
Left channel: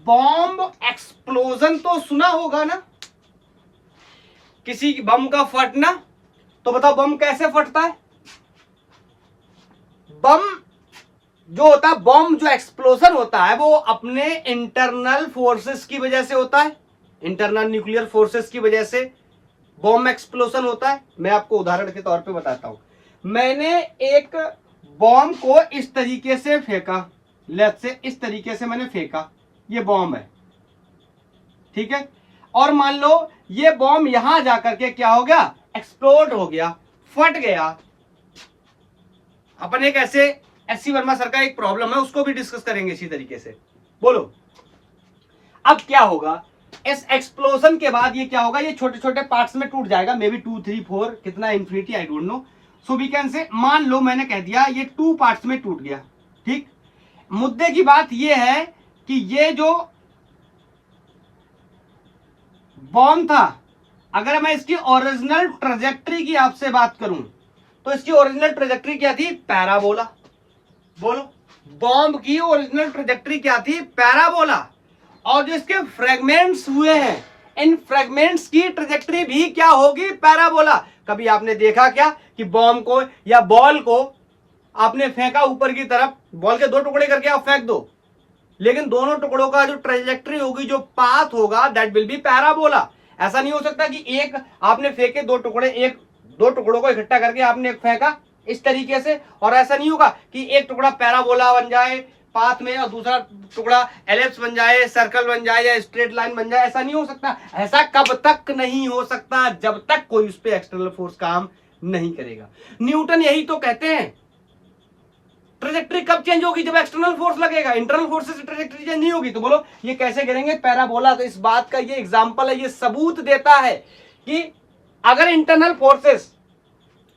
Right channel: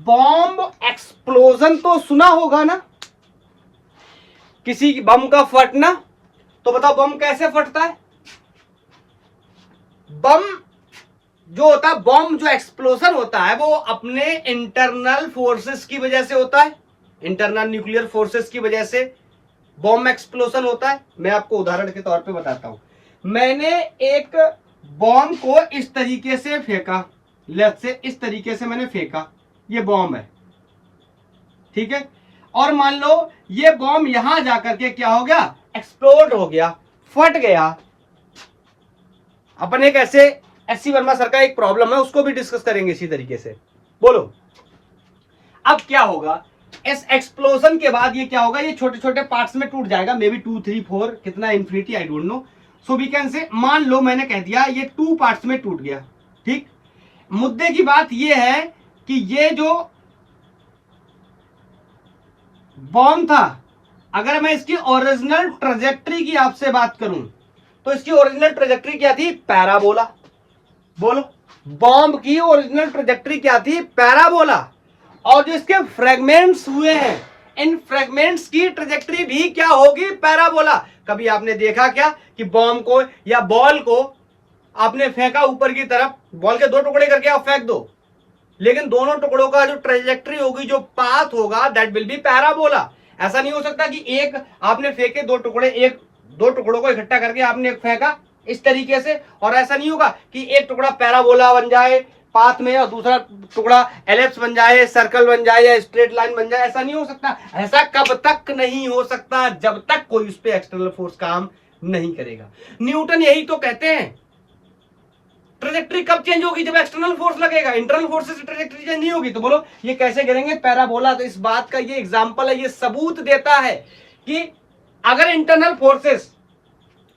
बॉम्ब एक्सप्लोजन तो सुना होगा ना, किसी बम का फटना, तो बताओ बम कैसे फटता है? बम जो होता है, बॉम्ब जो एक्सप्लोजन होता है वो अपने इंटरनल फोर्सेस की वजह से होता है, इंटरनल न्यूक्लियर फोर्सेस की वजह से बॉम्ब एक्सप्लोजन होता है। मैं आपको उदाहरण के तौर पे बताता हूं, मैंने एक बॉम्ब को इस तरीके से फेंका, लेफ्ट से इस तरीके से मैंने फेंका, ये बॉम्ब है, ठीक है, और मान लो ये बॉम्ब यहां जाकर के क्या हो गया, एक्सप्लोड हो गया, फट गया। अपन एक ऐसे एससी वर्मा सर का एक प्रॉब्लम है, उसको भी डिस्कस करेंगे इसी तरीके से। बोलो अब क्या होगा, इस एक्सप्लोजन के बाद ये क्या होगा, ये छोटे छोटे पार्ट्स में टूट जाएगा, मे बी 2 3 4 कितना infinity I don't know. So we can say, मान लो मैंने कह दिया ये 2 पार्ट्स में टूट गया, ठीक। मुद्दे की बात ये है कि ये जो बॉम्ब था, अगर मैं इसकी ओरिजिनल ट्रेजेक्ट्री की आपसे बात करूं तो इसकी ओरिजिनल ट्रेजेक्ट्री क्या थी, पैराबोला। बोलो, बॉम्ब की ओरिजिनल ट्रेजेक्ट्री क्या थी, पैराबोला। और जो इसके फ्रेगमेंट्स हुए हैं, इन फ्रेगमेंट्स की ट्रेजेक्ट्री भी क्या होगी, पैराबोला। कभी आपने देखा क्या कि बॉम्ब को या बॉल को आपने फेंका ऊपर की तरफ, बॉल के 2 टुकड़े करके आप फेंक दो, लेकिन दोनों टुकड़ों का जो ट्रेजेक्ट्री होगी, जो पाथ होगा, दैट विल बी पैराबोला। ऐसा नहीं हो सकता कि एक आपने फेंके 2 टुकड़े, एक 2 टुकड़ों को इकट्ठा करके आपने फेंका इस तरीके से, और ऐसा नहीं होगा कि एक टुकड़ा पैराबोला बन जाए पाथ में और दूसरा टुकड़ा एलिप्स बन जाए, सर्कल बन जाए या स्ट्रेट लाइन बन जाए। ऐसा नहीं हो सकता। ऐसा कब तक नहीं हो सकता, जब तक कोई उस पर एक्सटर्नल फोर्स काम नहीं करेगा। न्यूटन यही तो कहते हैं, ट्रेजेक्ट्री कब चेंज होगी, जब एक्सटर्नल फोर्स लगेगा, इंटरनल फोर्स से ट्रेजेक्ट्री चेंज नहीं होगी। तो बोलो ये कैसे करेंगे, पैराबोला। तो इस बात का ये एग्जांपल है, ये सबूत देता है कि अगर इंटरनल फोर्सेस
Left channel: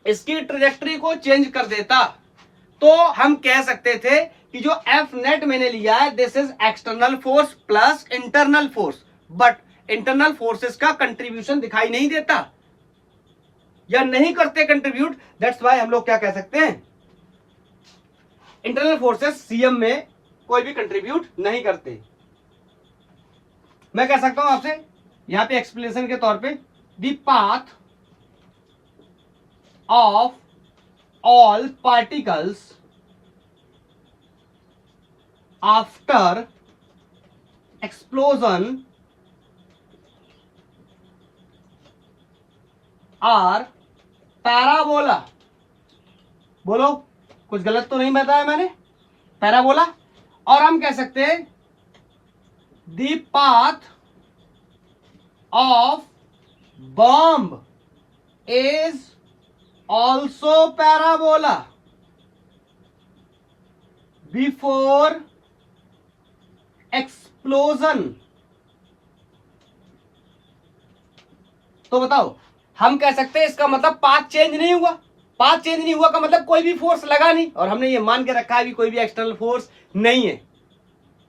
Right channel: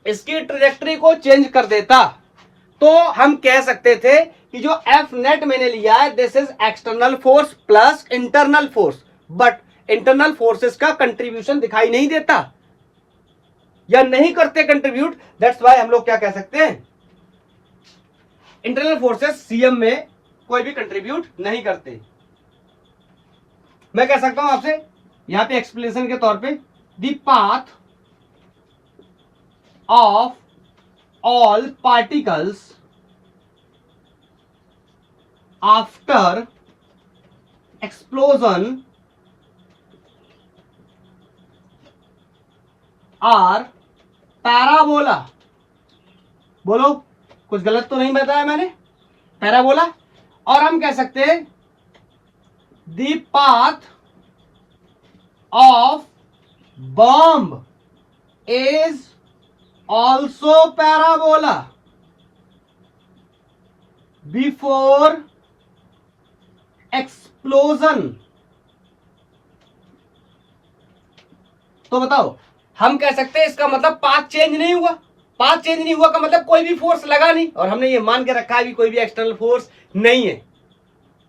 इसकी ट्रेजेक्ट्री को चेंज कर देता तो हम कह सकते थे कि जो एफ नेट मैंने लिया है, this is external force plus internal force. But internal forces का कंट्रीब्यूशन दिखाई नहीं देता या नहीं करते कंट्रीब्यूट, दैट्स वाई हम लोग क्या कह सकते हैं, इंटरनल फोर्सेस सीएम में कोई भी कंट्रीब्यूट नहीं करते। मैं कह सकता हूं आपसे यहां पे एक्सप्लेनेशन के तौर पे, the path of all particles after explosion are parabola. बोलो कुछ गलत तो नहीं बताया मैंने, पैराबोला। और हम कह सकते हैं the path of bomb is also parabola before explosion. तो बताओ, हम कह सकते हैं इसका मतलब पाथ चेंज नहीं हुआ। पाथ चेंज नहीं हुआ का मतलब कोई भी फोर्स लगा नहीं, और हमने ये मान के रखा है कि कोई भी एक्सटर्नल फोर्स नहीं है।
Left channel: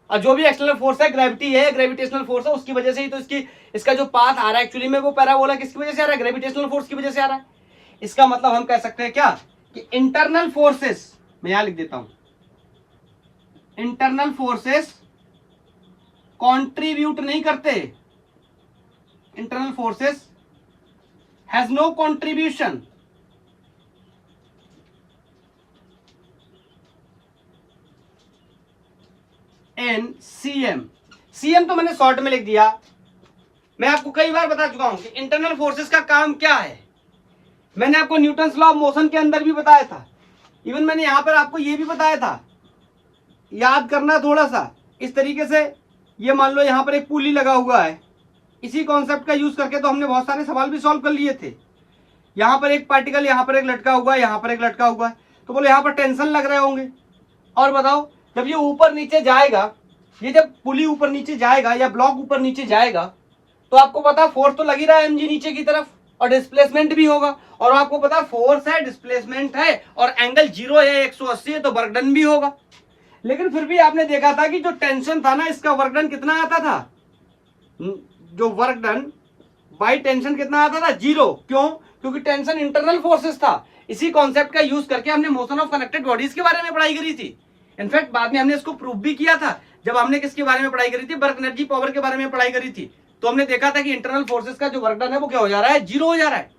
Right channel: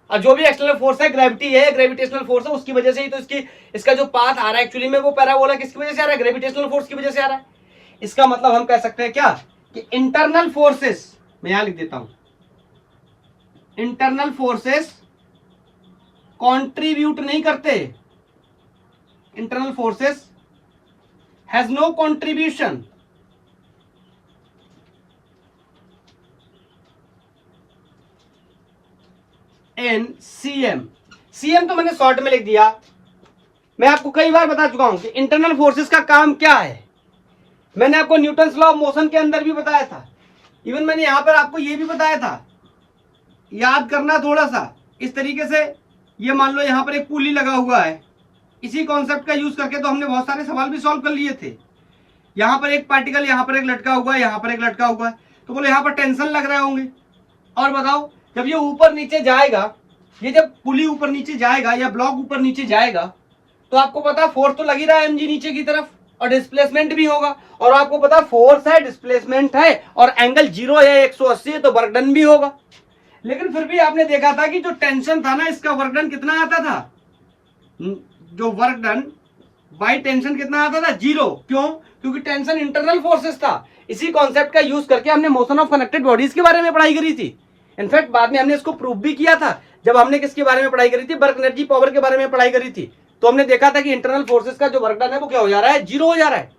और जो भी एक्सटर्नल फोर्स है, ग्रेविटी है, ग्रेविटेशनल फोर्स है, उसकी वजह से ही तो इसका जो पाथ आ रहा है एक्चुअली में वो पैराबोला किसकी वजह से आ रहा है, ग्रेविटेशनल फोर्स की वजह से आ रहा है। इसका मतलब हम कह सकते हैं क्या कि इंटरनल फोर्सेस, मैं यहां लिख देता हूं, इंटरनल फोर्सेस कंट्रीब्यूट नहीं करते, internal forces has no contribution in CM. CM तो मैंने शॉर्ट में लिख दिया। मैं आपको कई बार बता चुका हूं कि इंटरनल फोर्सेस का काम क्या है। मैंने आपको न्यूटन्स लॉ ऑफ मोशन के अंदर भी बताया था। इवन मैंने यहां पर आपको यह भी बताया था, याद करना थोड़ा सा इस तरीके से। ये मान लो यहां पर एक पुली लगा हुआ है, इसी कॉन्सेप्ट का यूज करके तो हमने बहुत सारे सवाल भी सॉल्व कर लिए थे। यहां पर एक पार्टिकल यहां पर एक लटका हुआ है, यहां पर एक लटका हुआ है, तो बोले यहां पर टेंशन लग रहे होंगे। और बताओ जब ये ऊपर नीचे जाएगा, ये जब पुली ऊपर नीचे जाएगा या ब्लॉक ऊपर नीचे जाएगा, तो आपको पता फोर्स तो लग ही रहा है mg नीचे की तरफ, और डिस्प्लेसमेंट भी होगा। और आपको पता फोर्स है, डिस्प्लेसमेंट है, और एंगल 0 है, 180 है, तो वर्क डन भी होगा। लेकिन फिर भी आपने देखा था कि जो टेंशन था ना, इसका वर्क डन कितना आता था? जो वर्क डन बाय टेंशन कितना आता था? 0। क्यों? क्योंकि टेंशन इंटरनल फोर्सेस था। इसी कॉन्सेप्ट का यूज करके हमने मोशन ऑफ कनेक्टेड बॉडीज के बारे में पढ़ाई करी थी। इनफैक्ट बाद में हमने इसको प्रूव भी किया था, जब हमने किसके बारे में पढ़ाई करी थी? वर्क एनर्जी पावर के बारे में पढ़ाई करी थी। तो हमने देखा था कि इंटरनल फोर्सेस का जो वर्क डन है वो क्या हो जा रहा है? 0 हो जा रहा है।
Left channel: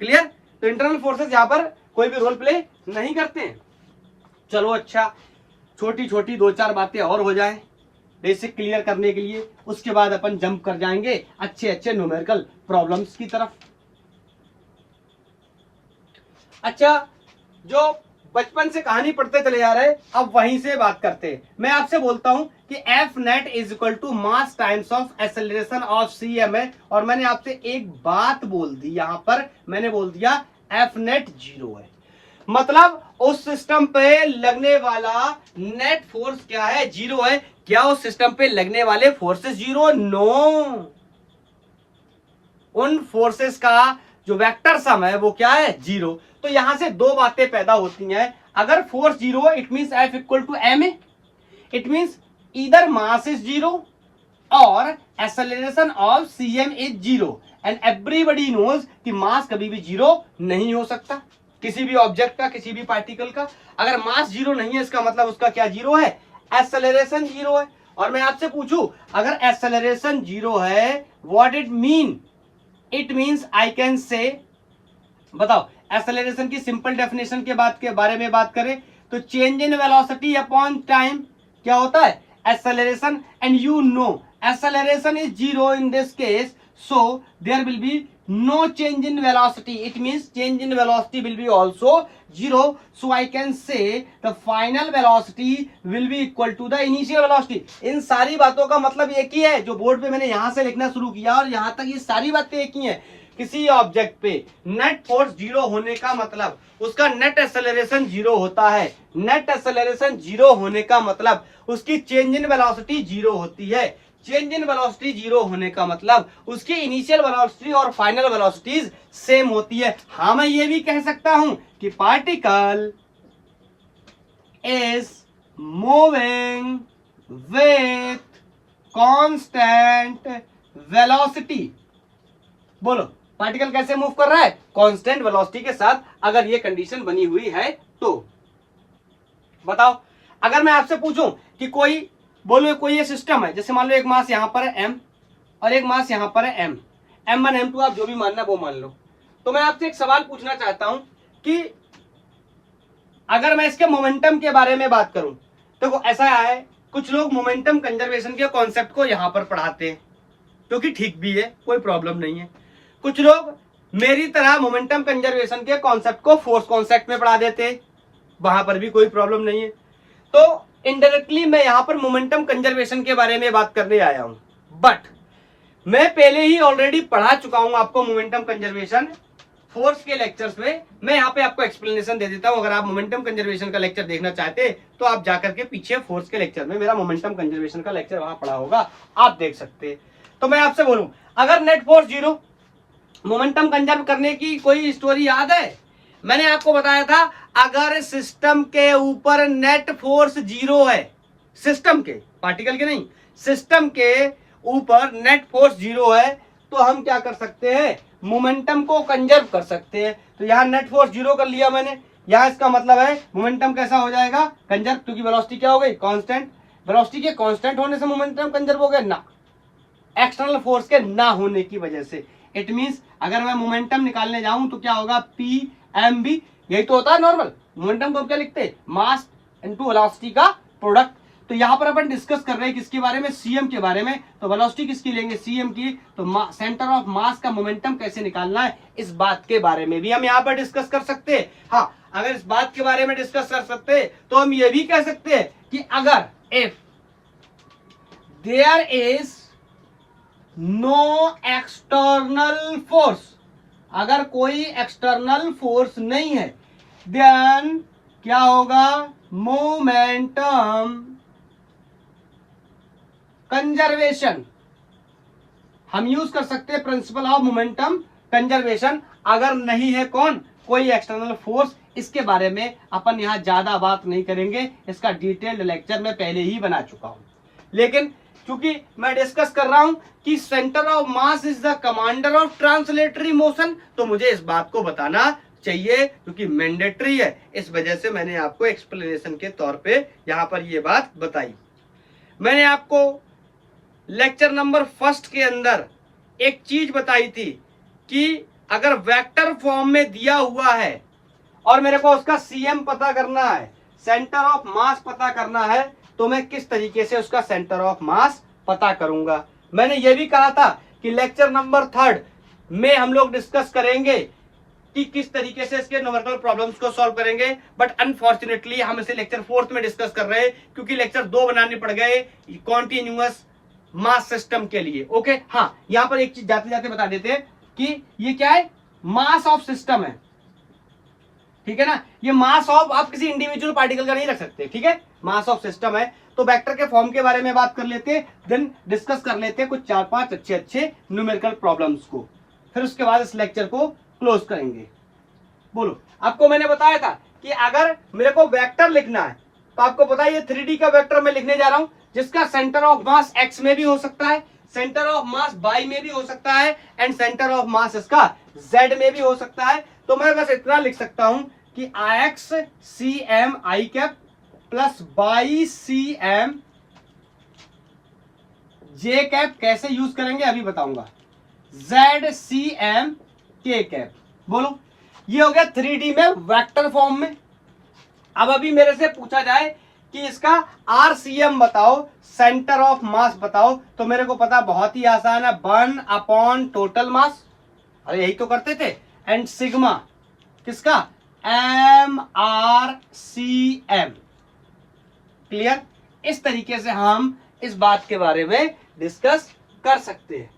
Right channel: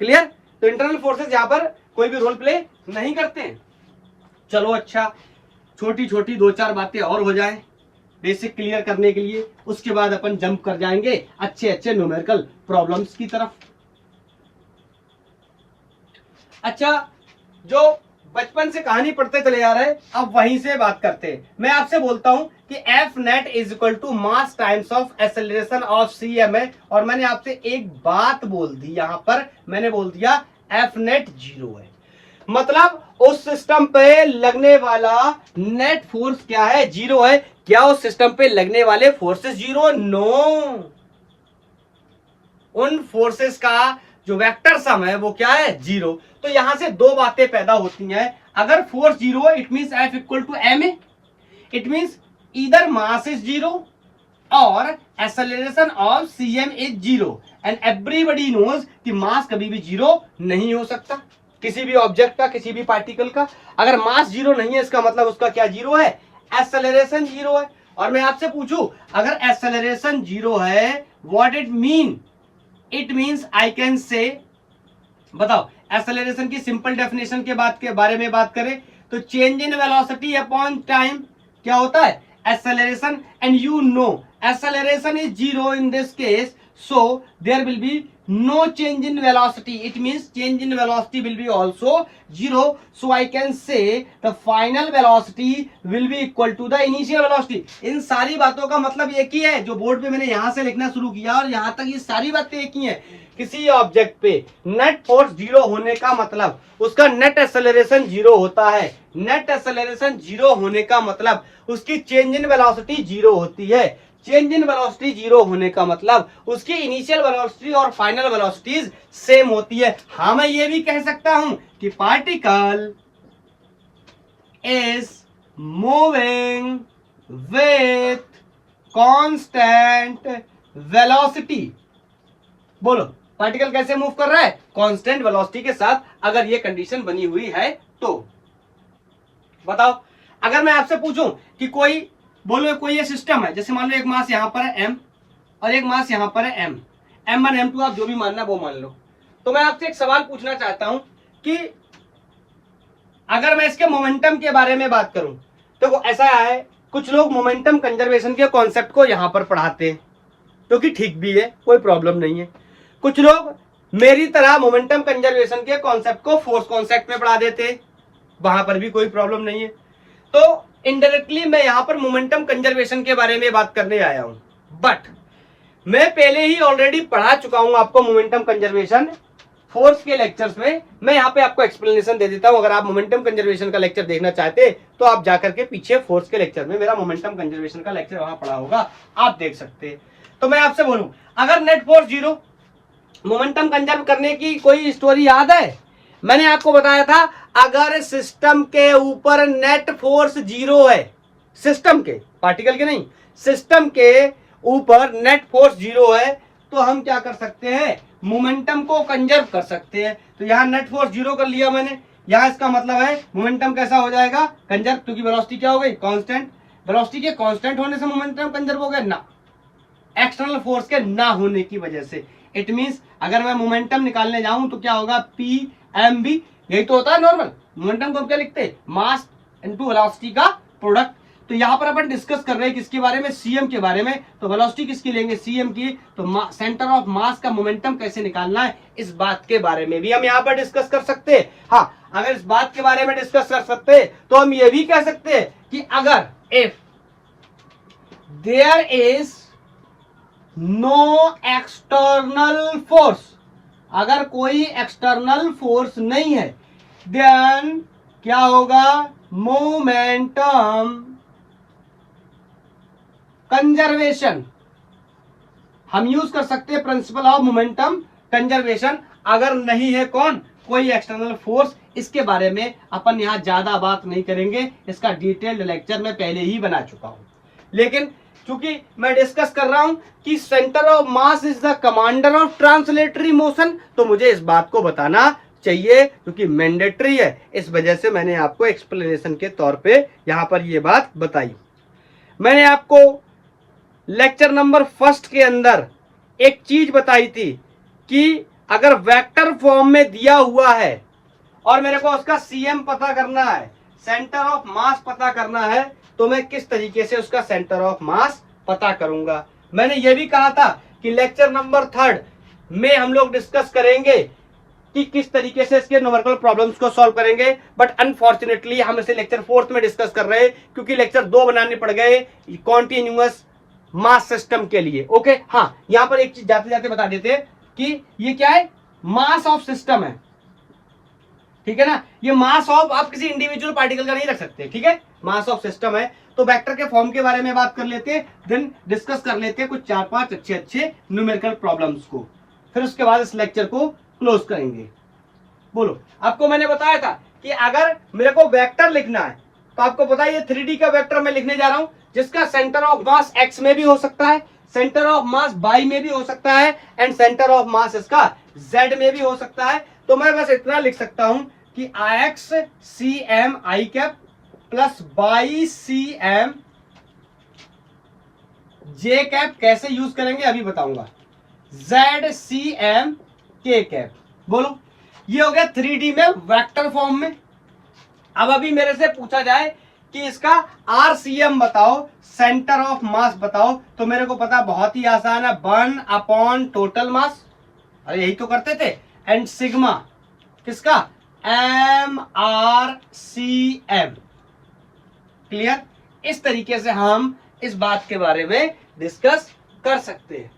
क्लियर? तो इंटरनल फोर्सेस यहां पर कोई भी रोल प्ले नहीं करते हैं। चलो अच्छा, छोटी छोटी 2-4 बातें और हो जाएं बेसिक क्लियर करने के लिए, उसके बाद अपन जंप कर जाएंगे अच्छे अच्छे न्यूमेरिकल प्रॉब्लम्स की तरफ। अच्छा, जो बचपन से कहानी पढ़ते चले जा रहे हैं, अब वहीं से बात करते हैं। मैं आपसे बोलता हूं कि F net is equal to mass times of acceleration of CM है, और मैंने आपसे एक बात बोल दी, यहां पर मैंने बोल दिया एफ नेट 0 है। मतलब उस सिस्टम पे लगने वाला नेट फोर्स क्या है? 0 है। क्या उस सिस्टम पे लगने वाले फोर्सेस 0? नो। उन फोर्सेस का जो वेक्टर सम है वो क्या है? 0। तो यहां से दो बातें पैदा होती हैं। अगर फोर्स 0 है, it means F equal to m a. It means either mass is 0 और acceleration of CM is 0, and everybody knows कि मास कभी भी 0 नहीं हो सकता किसी भी ऑब्जेक्ट का, किसी भी पार्टिकल का। अगर मास 0 नहीं है, इसका मतलब उसका क्या 0 है? एक्सेलरेशन 0 है। और मैं आपसे पूछूं, अगर एक्सेलरेशन 0 है, what it mean? It means I can से, बताओ एक्सेलरेशन की सिंपल डेफिनेशन के बारे में बात करें तो change in velocity upon time क्या होता है? Acceleration. And you know acceleration is 0 in this case, so there will be no change in velocity. It means change in velocity will be also 0. So I can say the final velocity will be equal to the initial velocity. इन सारी बातों का मतलब एक ही है, जो बोर्ड पे मैंने यहां से लिखना शुरू किया और यहां तक ये सारी बातें एक ही है। किसी ऑब्जेक्ट पे नेट फोर्स 0 होने का मतलब उसका नेट एक्सेलरेशन 0 होता है। नेट एक्सेलरेशन 0 होने का मतलब उसकी चेंज इन वेलोसिटी 0 होती है। चेंज इन वेलोसिटी 0 होने का मतलब उसकी इनिशियल वेलोसिटी और फाइनल वेलोसिटीज सेम होती है। हाँ, मैं ये भी कह सकता हूं कि particle is moving with constant velocity. बोलो, पार्टिकल कैसे मूव कर रहा है? कांस्टेंट वेलोसिटी के साथ। अगर ये कंडीशन बनी हुई है तो बताओ, अगर मैं आपसे पूछूं कि कोई बोलो कोई ये सिस्टम है, जैसे मान लो एक मास यहां पर है m और एक मास यहां पर है m, m1 m2 आप जो भी मानना वो मान लो। तो मैं आपसे एक सवाल पूछना चाहता हूं कि अगर मैं इसके मोमेंटम के बारे में बात करूं, तो ऐसा है कुछ लोग मोमेंटम कंजर्वेशन के कॉन्सेप्ट को यहां पर पढ़ाते हैं, जो कि ठीक भी है, कोई प्रॉब्लम नहीं है। कुछ लोग मेरी तरह मोमेंटम कंजर्वेशन के कॉन्सेप्ट को फोर्स कॉन्सेप्ट में पढ़ा देते हैं, वहां पर भी कोई प्रॉब्लम नहीं है। तो इनडायरेक्टली मैं यहां पर मोमेंटम कंजर्वेशन के बारे में बात करने आया हूं, बट मैं पहले ही ऑलरेडी पढ़ा चुका हूं आपको मोमेंटम कंजर्वेशन फोर्स के लेक्चर्स में। मैं यहां पे आपको एक्सप्लेनेशन दे देता हूं। अगर आप मोमेंटम कंजर्वेशन का लेक्चर देखना चाहते तो आप जाकर के पीछे फोर्स के लेक्चर में मेरा मोमेंटम कंजर्वेशन का लेक्चर वहां पढ़ा होगा, आप देख सकते हैं। तो मैं आपसे बोलूं, अगर नेट फोर्स 0, मोमेंटम कंजर्व करने की कोई स्टोरी याद है? मैंने आपको बताया था, अगर सिस्टम के ऊपर नेट फोर्स 0 है, सिस्टम के, पार्टिकल के नहीं, सिस्टम के ऊपर नेट फोर्स 0 है, तो हम क्या कर सकते हैं? मोमेंटम को कंजर्व कर सकते हैं। तो यहां नेट फोर्स 0 कर लिया मैंने, यहां इसका मतलब है मोमेंटम कैसा हो जाएगा? कंजर्व, क्योंकि वेलोसिटी क्या हो गई? कांस्टेंट। वेलोसिटी के कांस्टेंट होने से मोमेंटम कंजर्व हो गया ना, एक्सटर्नल फोर्स के ना होने की वजह से। इट मींस अगर मैं मोमेंटम निकालने जाऊं तो क्या होगा? पी एम बी, यही तो होता है नॉर्मल। मोमेंटम को क्या लिखते हैं? मास इनटू वेलोसिटी का प्रोडक्ट। तो यहां पर अपन डिस्कस कर रहे हैं किसके बारे में, सीएम के बारे में। तो वेलोसिटी किसकी लेंगे, सीएम की। तो सेंटर ऑफ मास का मोमेंटम कैसे निकालना है, इस बात के बारे में भी हम यहां पर डिस्कस कर सकते हैं। हाँ, अगर इस बात के बारे में डिस्कस कर सकते हैं तो हम ये भी कह सकते हैं कि अगर if there is no external force, अगर कोई एक्सटर्नल फोर्स नहीं है, देन क्या होगा, मोमेंटम कंजर्वेशन। हम यूज कर सकते हैं प्रिंसिपल ऑफ मोमेंटम कंजर्वेशन। अगर नहीं है कौन, कोई एक्सटर्नल फोर्स, इसके बारे में अपन यहां ज्यादा बात नहीं करेंगे, इसका डिटेल्ड लेक्चर मैं पहले ही बना चुका हूं। लेकिन क्योंकि मैं डिस्कस कर रहा हूं कि centre of mass is the commander of translatory motion, तो मुझे इस बात को बताना चाहिए क्योंकि मैंडेटरी है। इस वजह से मैंने आपको एक्सप्लेनेशन के तौर पे यहां पर ये बात बताई। मैंने आपको लेक्चर नंबर 1 के अंदर एक चीज बताई थी कि अगर वेक्टर फॉर्म में दिया हुआ है और मेरे को उसका सीएम पता करना है, सेंटर ऑफ मास पता करना है, तो मैं किस तरीके से उसका सेंटर ऑफ मास पता करूंगा। मैंने ये भी कहा था कि लेक्चर नंबर 3 में हम लोग डिस्कस करेंगे कि किस तरीके से इसके न्यूमेरिकल प्रॉब्लम्स को सॉल्व करेंगे, बट अनफॉर्चुनेटली हम इसे लेक्चर 4 में डिस्कस कर रहे हैं क्योंकि लेक्चर 2 बनाने पड़ गए कॉन्टिन्यूअस मास सिस्टम के लिए। ओके, हाँ, यहां पर एक चीज जाते जाते बता देते हैं कि ये क्या है, मास ऑफ सिस्टम है, ठीक है ना। ये मास ऑफ, आप किसी इंडिविजुअल पार्टिकल का नहीं रख सकते, ठीक है, मास ऑफ सिस्टम है। तो वेक्टर के फॉर्म के बारे में बात कर लेते हैं, देन डिस्कस कर लेते हैं कुछ 4-5 अच्छे न्यूमेरिकल प्रॉब्लम्स को, फिर उसके बाद इस लेक्चर को क्लोज करेंगे। बोलो, आपको मैंने बताया था कि अगर मेरे को वेक्टर लिखना है तो आपको पता है ये 3D का वेक्टर मैं लिखने जा रहा हूं जिसका सेंटर ऑफ मास x में भी हो सकता है, सेंटर ऑफ मास y में भी हो सकता है, एंड सेंटर ऑफ मास इसका z में भी हो सकता है। तो मैं बस इतना लिख सकता हूं कि x cm i cap plus y cm j cap कैसे यूज करेंगे अभी बताऊंगा, z cm k कैप। बोलो, ये हो गया 3D में वेक्टर फॉर्म में। अब अभी मेरे से पूछा जाए कि इसका RCM बताओ, सेंटर ऑफ मास बताओ, तो मेरे को पता बहुत ही आसान है, 1 अपॉन टोटल मास, अरे यही तो करते थे, एंड सिग्मा किसका, MRCM। क्लियर, इस तरीके से हम इस बात के बारे में डिस्कस कर सकते हैं।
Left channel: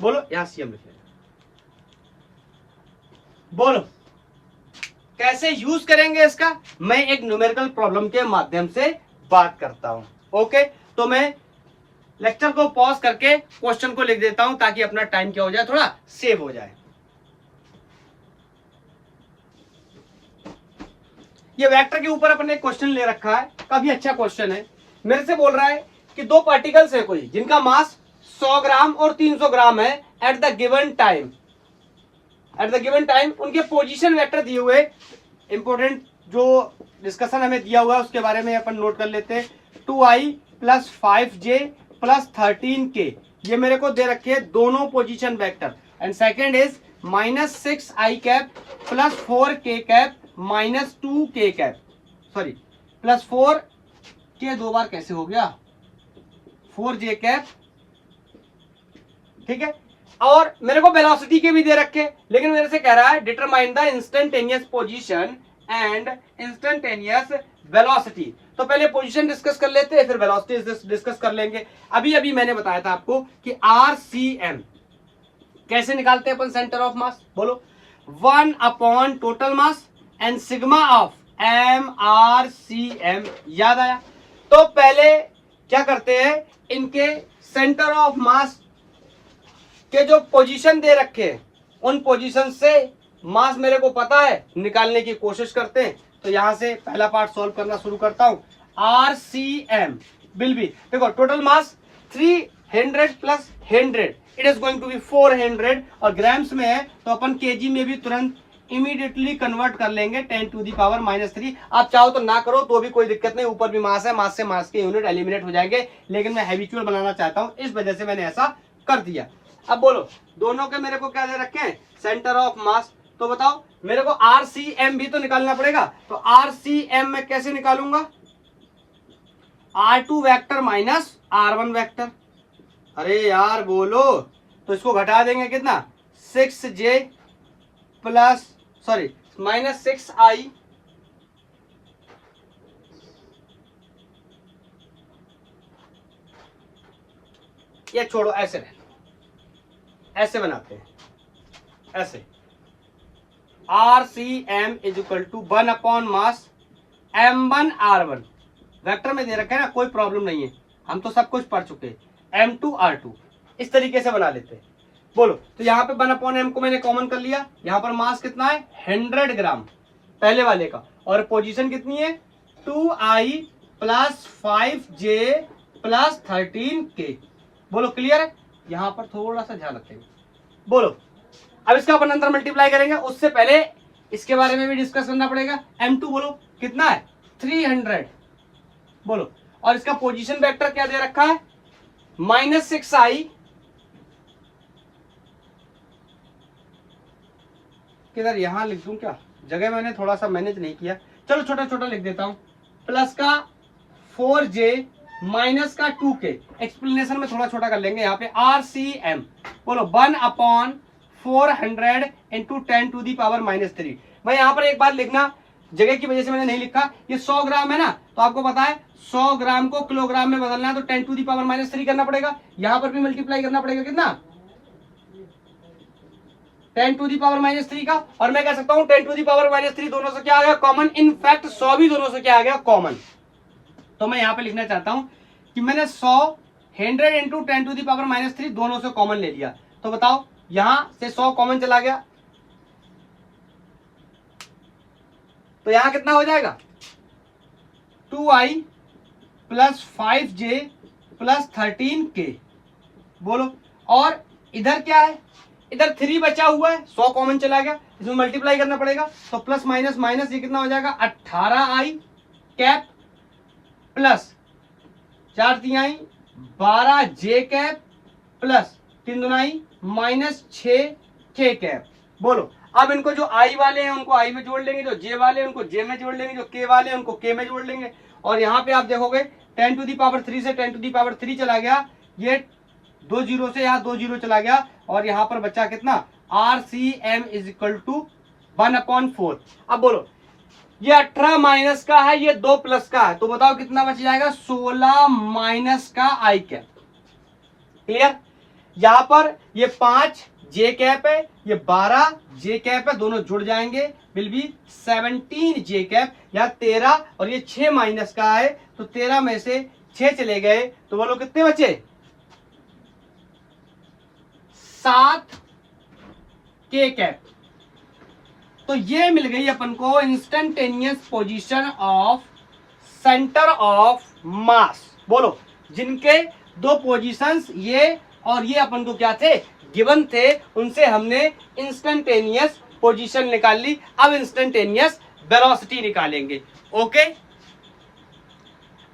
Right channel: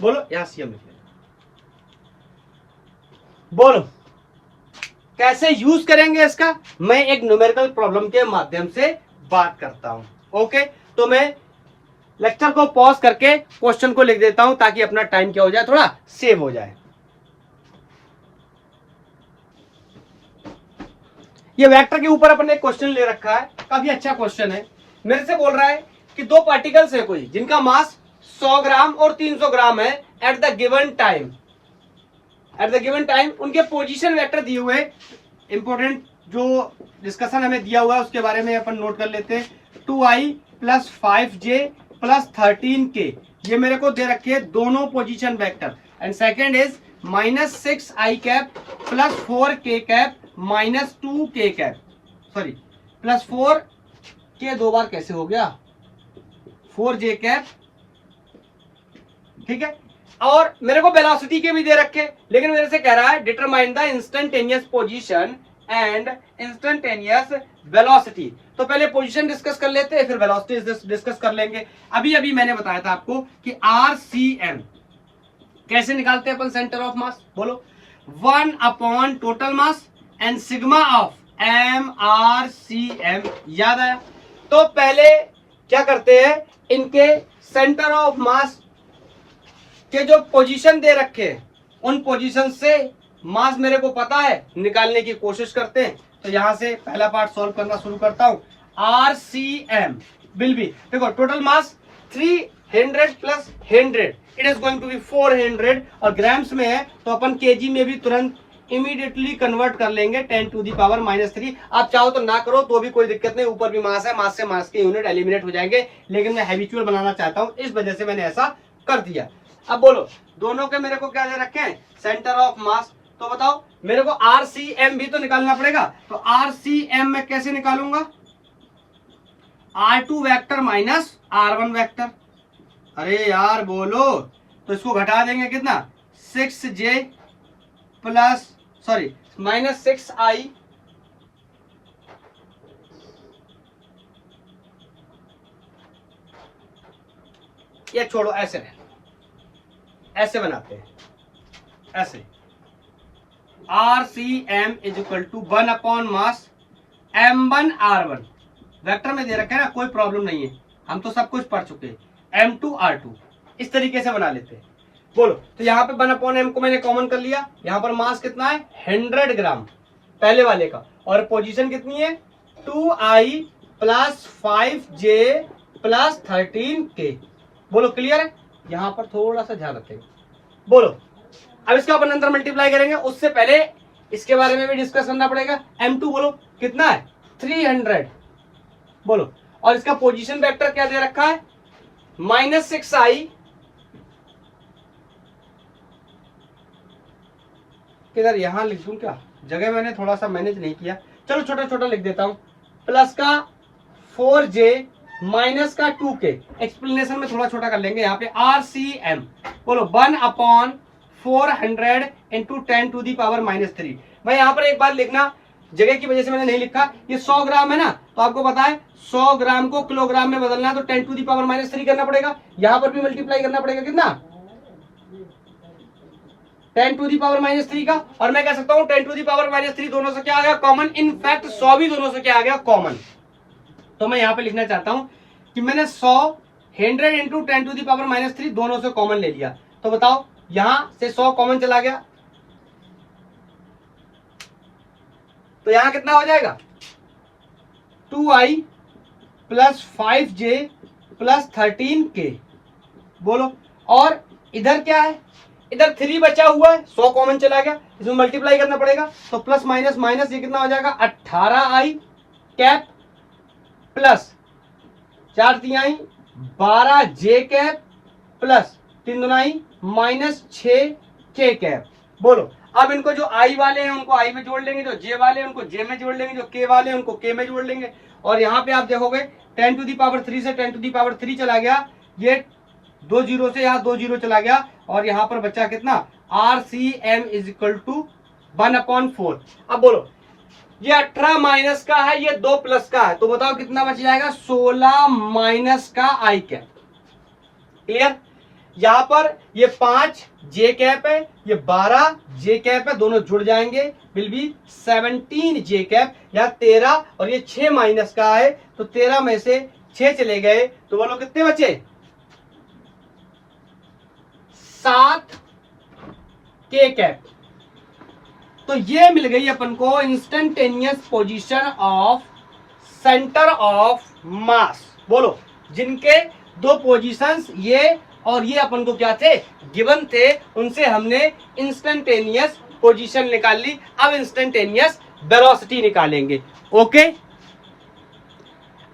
बोलो, यहां CM लिख लेना। बोलो कैसे यूज करेंगे इसका, मैं एक न्यूमेरिकल प्रॉब्लम के माध्यम से बात करता हूं। ओके, तो मैं लेक्चर को पॉज करके क्वेश्चन को लिख देता हूं ताकि अपना टाइम क्या हो जाए, थोड़ा सेव हो जाए। ये वेक्टर के ऊपर अपन ने क्वेश्चन ले रखा है, काफी अच्छा क्वेश्चन है। मेरे से बोल रहा है कि दो पार्टिकल्स है कोई जिनका मास 100 ग्राम और 300 ग्राम है एट द गिवन टाइम, उनके पोजीशन वेक्टर दिए हुए, इंपॉर्टेंट जो डिस्कशन हमें दिया हुआ है उसके बारे में अपन नोट कर लेते हैं। 2i plus 5j plus 13k, ये मेरे को दे रखे हैं दोनों position vector, and second is minus 6i cap plus 4k cap minus 2k cap, sorry plus 4k दो बार कैसे हो गया, 4j कैप, ठीक है। और मेरे को वेलोसिटी के भी दे रखे, लेकिन मेरे से कह रहा है determine the instantaneous position and instantaneous velocity. तो पहले पोजीशन डिस्कस कर लेते हैं, फिर वेलोसिटी डिस्कस कर लेंगे। अभी मैंने बताया था आपको कि RCM कैसे निकालते हैं अपन सेंटर ऑफ मास। बोलो, 1 upon total mass and sigma of MRCM। याद आया? तो पहले क्या करते हैं, इनके सेंटर ऑफ मास के जो पोजीशन दे रखे हैं उन पोजीशन से मास मेरे को पता है, निकालने की कोशिश करते हैं। तो यहां से पहला पार्ट सॉल्व करना शुरू करता हूं। RCM विल बी, देखो total mass 300 plus 100, it is going to be 400, और ग्राम्स में है तो अपन केजी में भी तुरंत इमीडिएटली कन्वर्ट कर लेंगे 10 टू दी पावर -3। आप चाहो तो ना करो तो भी कोई दिक्कत नहीं, ऊपर भी मास है, मास से मास के यूनिट एलिमिनेट हो जाएंगे, लेकिन मैं हैबिचुअल बनाना चाहता हूं, इस वजह से मैंने ऐसा कर दिया। अब बोलो, दोनों के मेरे को क्या दे रखे हैं, सेंटर ऑफ मास। तो बताओ मेरे को RCM भी तो निकालना पड़ेगा, तो RCM मैं कैसे निकालूंगा, R2 vector minus R1 vector. अरे यार बोलो, तो इसको घटा देंगे कितना, 6j plus sorry minus 6i, ये छोड़ो, ऐसे बनाते हैं, ऐसे RCM is equal to 1 upon mass M1 R1 vector में दे रखा है ना, कोई प्रॉब्लम नहीं है, हम तो सब कुछ पढ़ चुके हैं। M2 R2 इस तरीके से बना लेते हैं। बोलो, तो यहाँ पे 1 अपॉन M को मैंने कॉमन कर लिया, यहाँ पर मास कितना है 100 ग्राम पहले वाले का, और पोजीशन कितनी है 2i plus 5j plus 13k। बोलो क्लियर है, यहाँ पर थोड़ा सा ध्यान रखेंगे। बोलो, अब इसका अपन अंदर मल्टीप्लाई करेंगे, उससे पहले इसके बारे में भी डिस्कस करना पड़ेगा। M2 बोलो कितना है 300। बोलो, और इसका पोजीशन वेक्टर क्या दे रखा है माइनस 6i, किधर यहां लिख दूं क्या, जगह मैंने थोड़ा सा मैनेज नहीं किया, चलो छोटा छोटा लिख देता हूं, प्लस का 4j माइनस का 2k, एक्सप्लेनेशन में थोड़ा छोटा कर लेंगे। यहाँ पे RCM बोलो 1 upon 400 into 10 to the power minus 3। भाई यहाँ पर एक बार लिखना, जगह की वजह से मैंने नहीं लिखा, ये 100 ग्राम है ना, तो आपको पता है 100 ग्राम को किलोग्राम में बदलना है तो 10 टू दी पावर माइनस 3 करना पड़ेगा, यहाँ पर भी मल्टीप्लाई करना पड़ेगा कितना 10 टू दी पावर माइनस 3 का, और मैं कह सकता हूँ 10 टू दी पावर माइनस 3 दोनों से क्या आ गया कॉमन, इनफैक्ट 100 भी दोनों से क्या आ गया कॉमन। तो मैं यहाँ पे लिखना चाहता हूं कि मैंने 100 into 10 to the power minus 3 दोनों से कॉमन ले लिया, तो बताओ यहां से 100 कॉमन चला गया, तो यहां कितना हो जाएगा 2i plus 5j plus 13k। बोलो, और इधर क्या है, इधर 3 बचा हुआ है, 100 कॉमन चला गया, इसमें मल्टीप्लाई करना पड़ेगा, तो प्लस माइनस माइनस ये कितना हो जाएगा 18i कैप प्लस 4 तिहाई 12j कैप प्लस 3 दुनाई माइनस 6k कैप। बोलो, अब इनको जो i वाले हैं उनको i में जोड़ लेंगे, जो j वाले हैं उनको j में जोड़ लेंगे, जो k वाले हैं उनको k में जोड़ लेंगे, और यहाँ पे आप देखोगे 10 टू दी पावर 3 से 10 टू दी पावर 3 चला गया, ये 2 जीरो से यहाँ 2 जीरो चला गया, और यहाँ पर बचा कितना RCM is equal to 1 upon 4। अब बोलो, ये 18 माइनस का है, ये 2 प्लस का है, तो बताओ कितना बच जाएगा 16 माइनस का आई कैप। क्लियर, यहां पर ये 5 जे कैप है, ये 12 जे कैप है, दोनों जुड़ जाएंगे विल बी 17 जे कैप, या 13, और ये 6 माइनस का है, तो 13 में से 6 चले गए, तो बोलो कितने बचे 7 के कैप। तो ये मिल गई अपन को instantaneous position of centre of मास। बोलो, जिनके 2 पोजीशंस ये और ये अपन को क्या थे गिवन थे, उनसे हमने इंस्टेंटेनियस पोजीशन निकाल ली, अब इंस्टेंटेनियस वेलोसिटी निकालेंगे। ओके,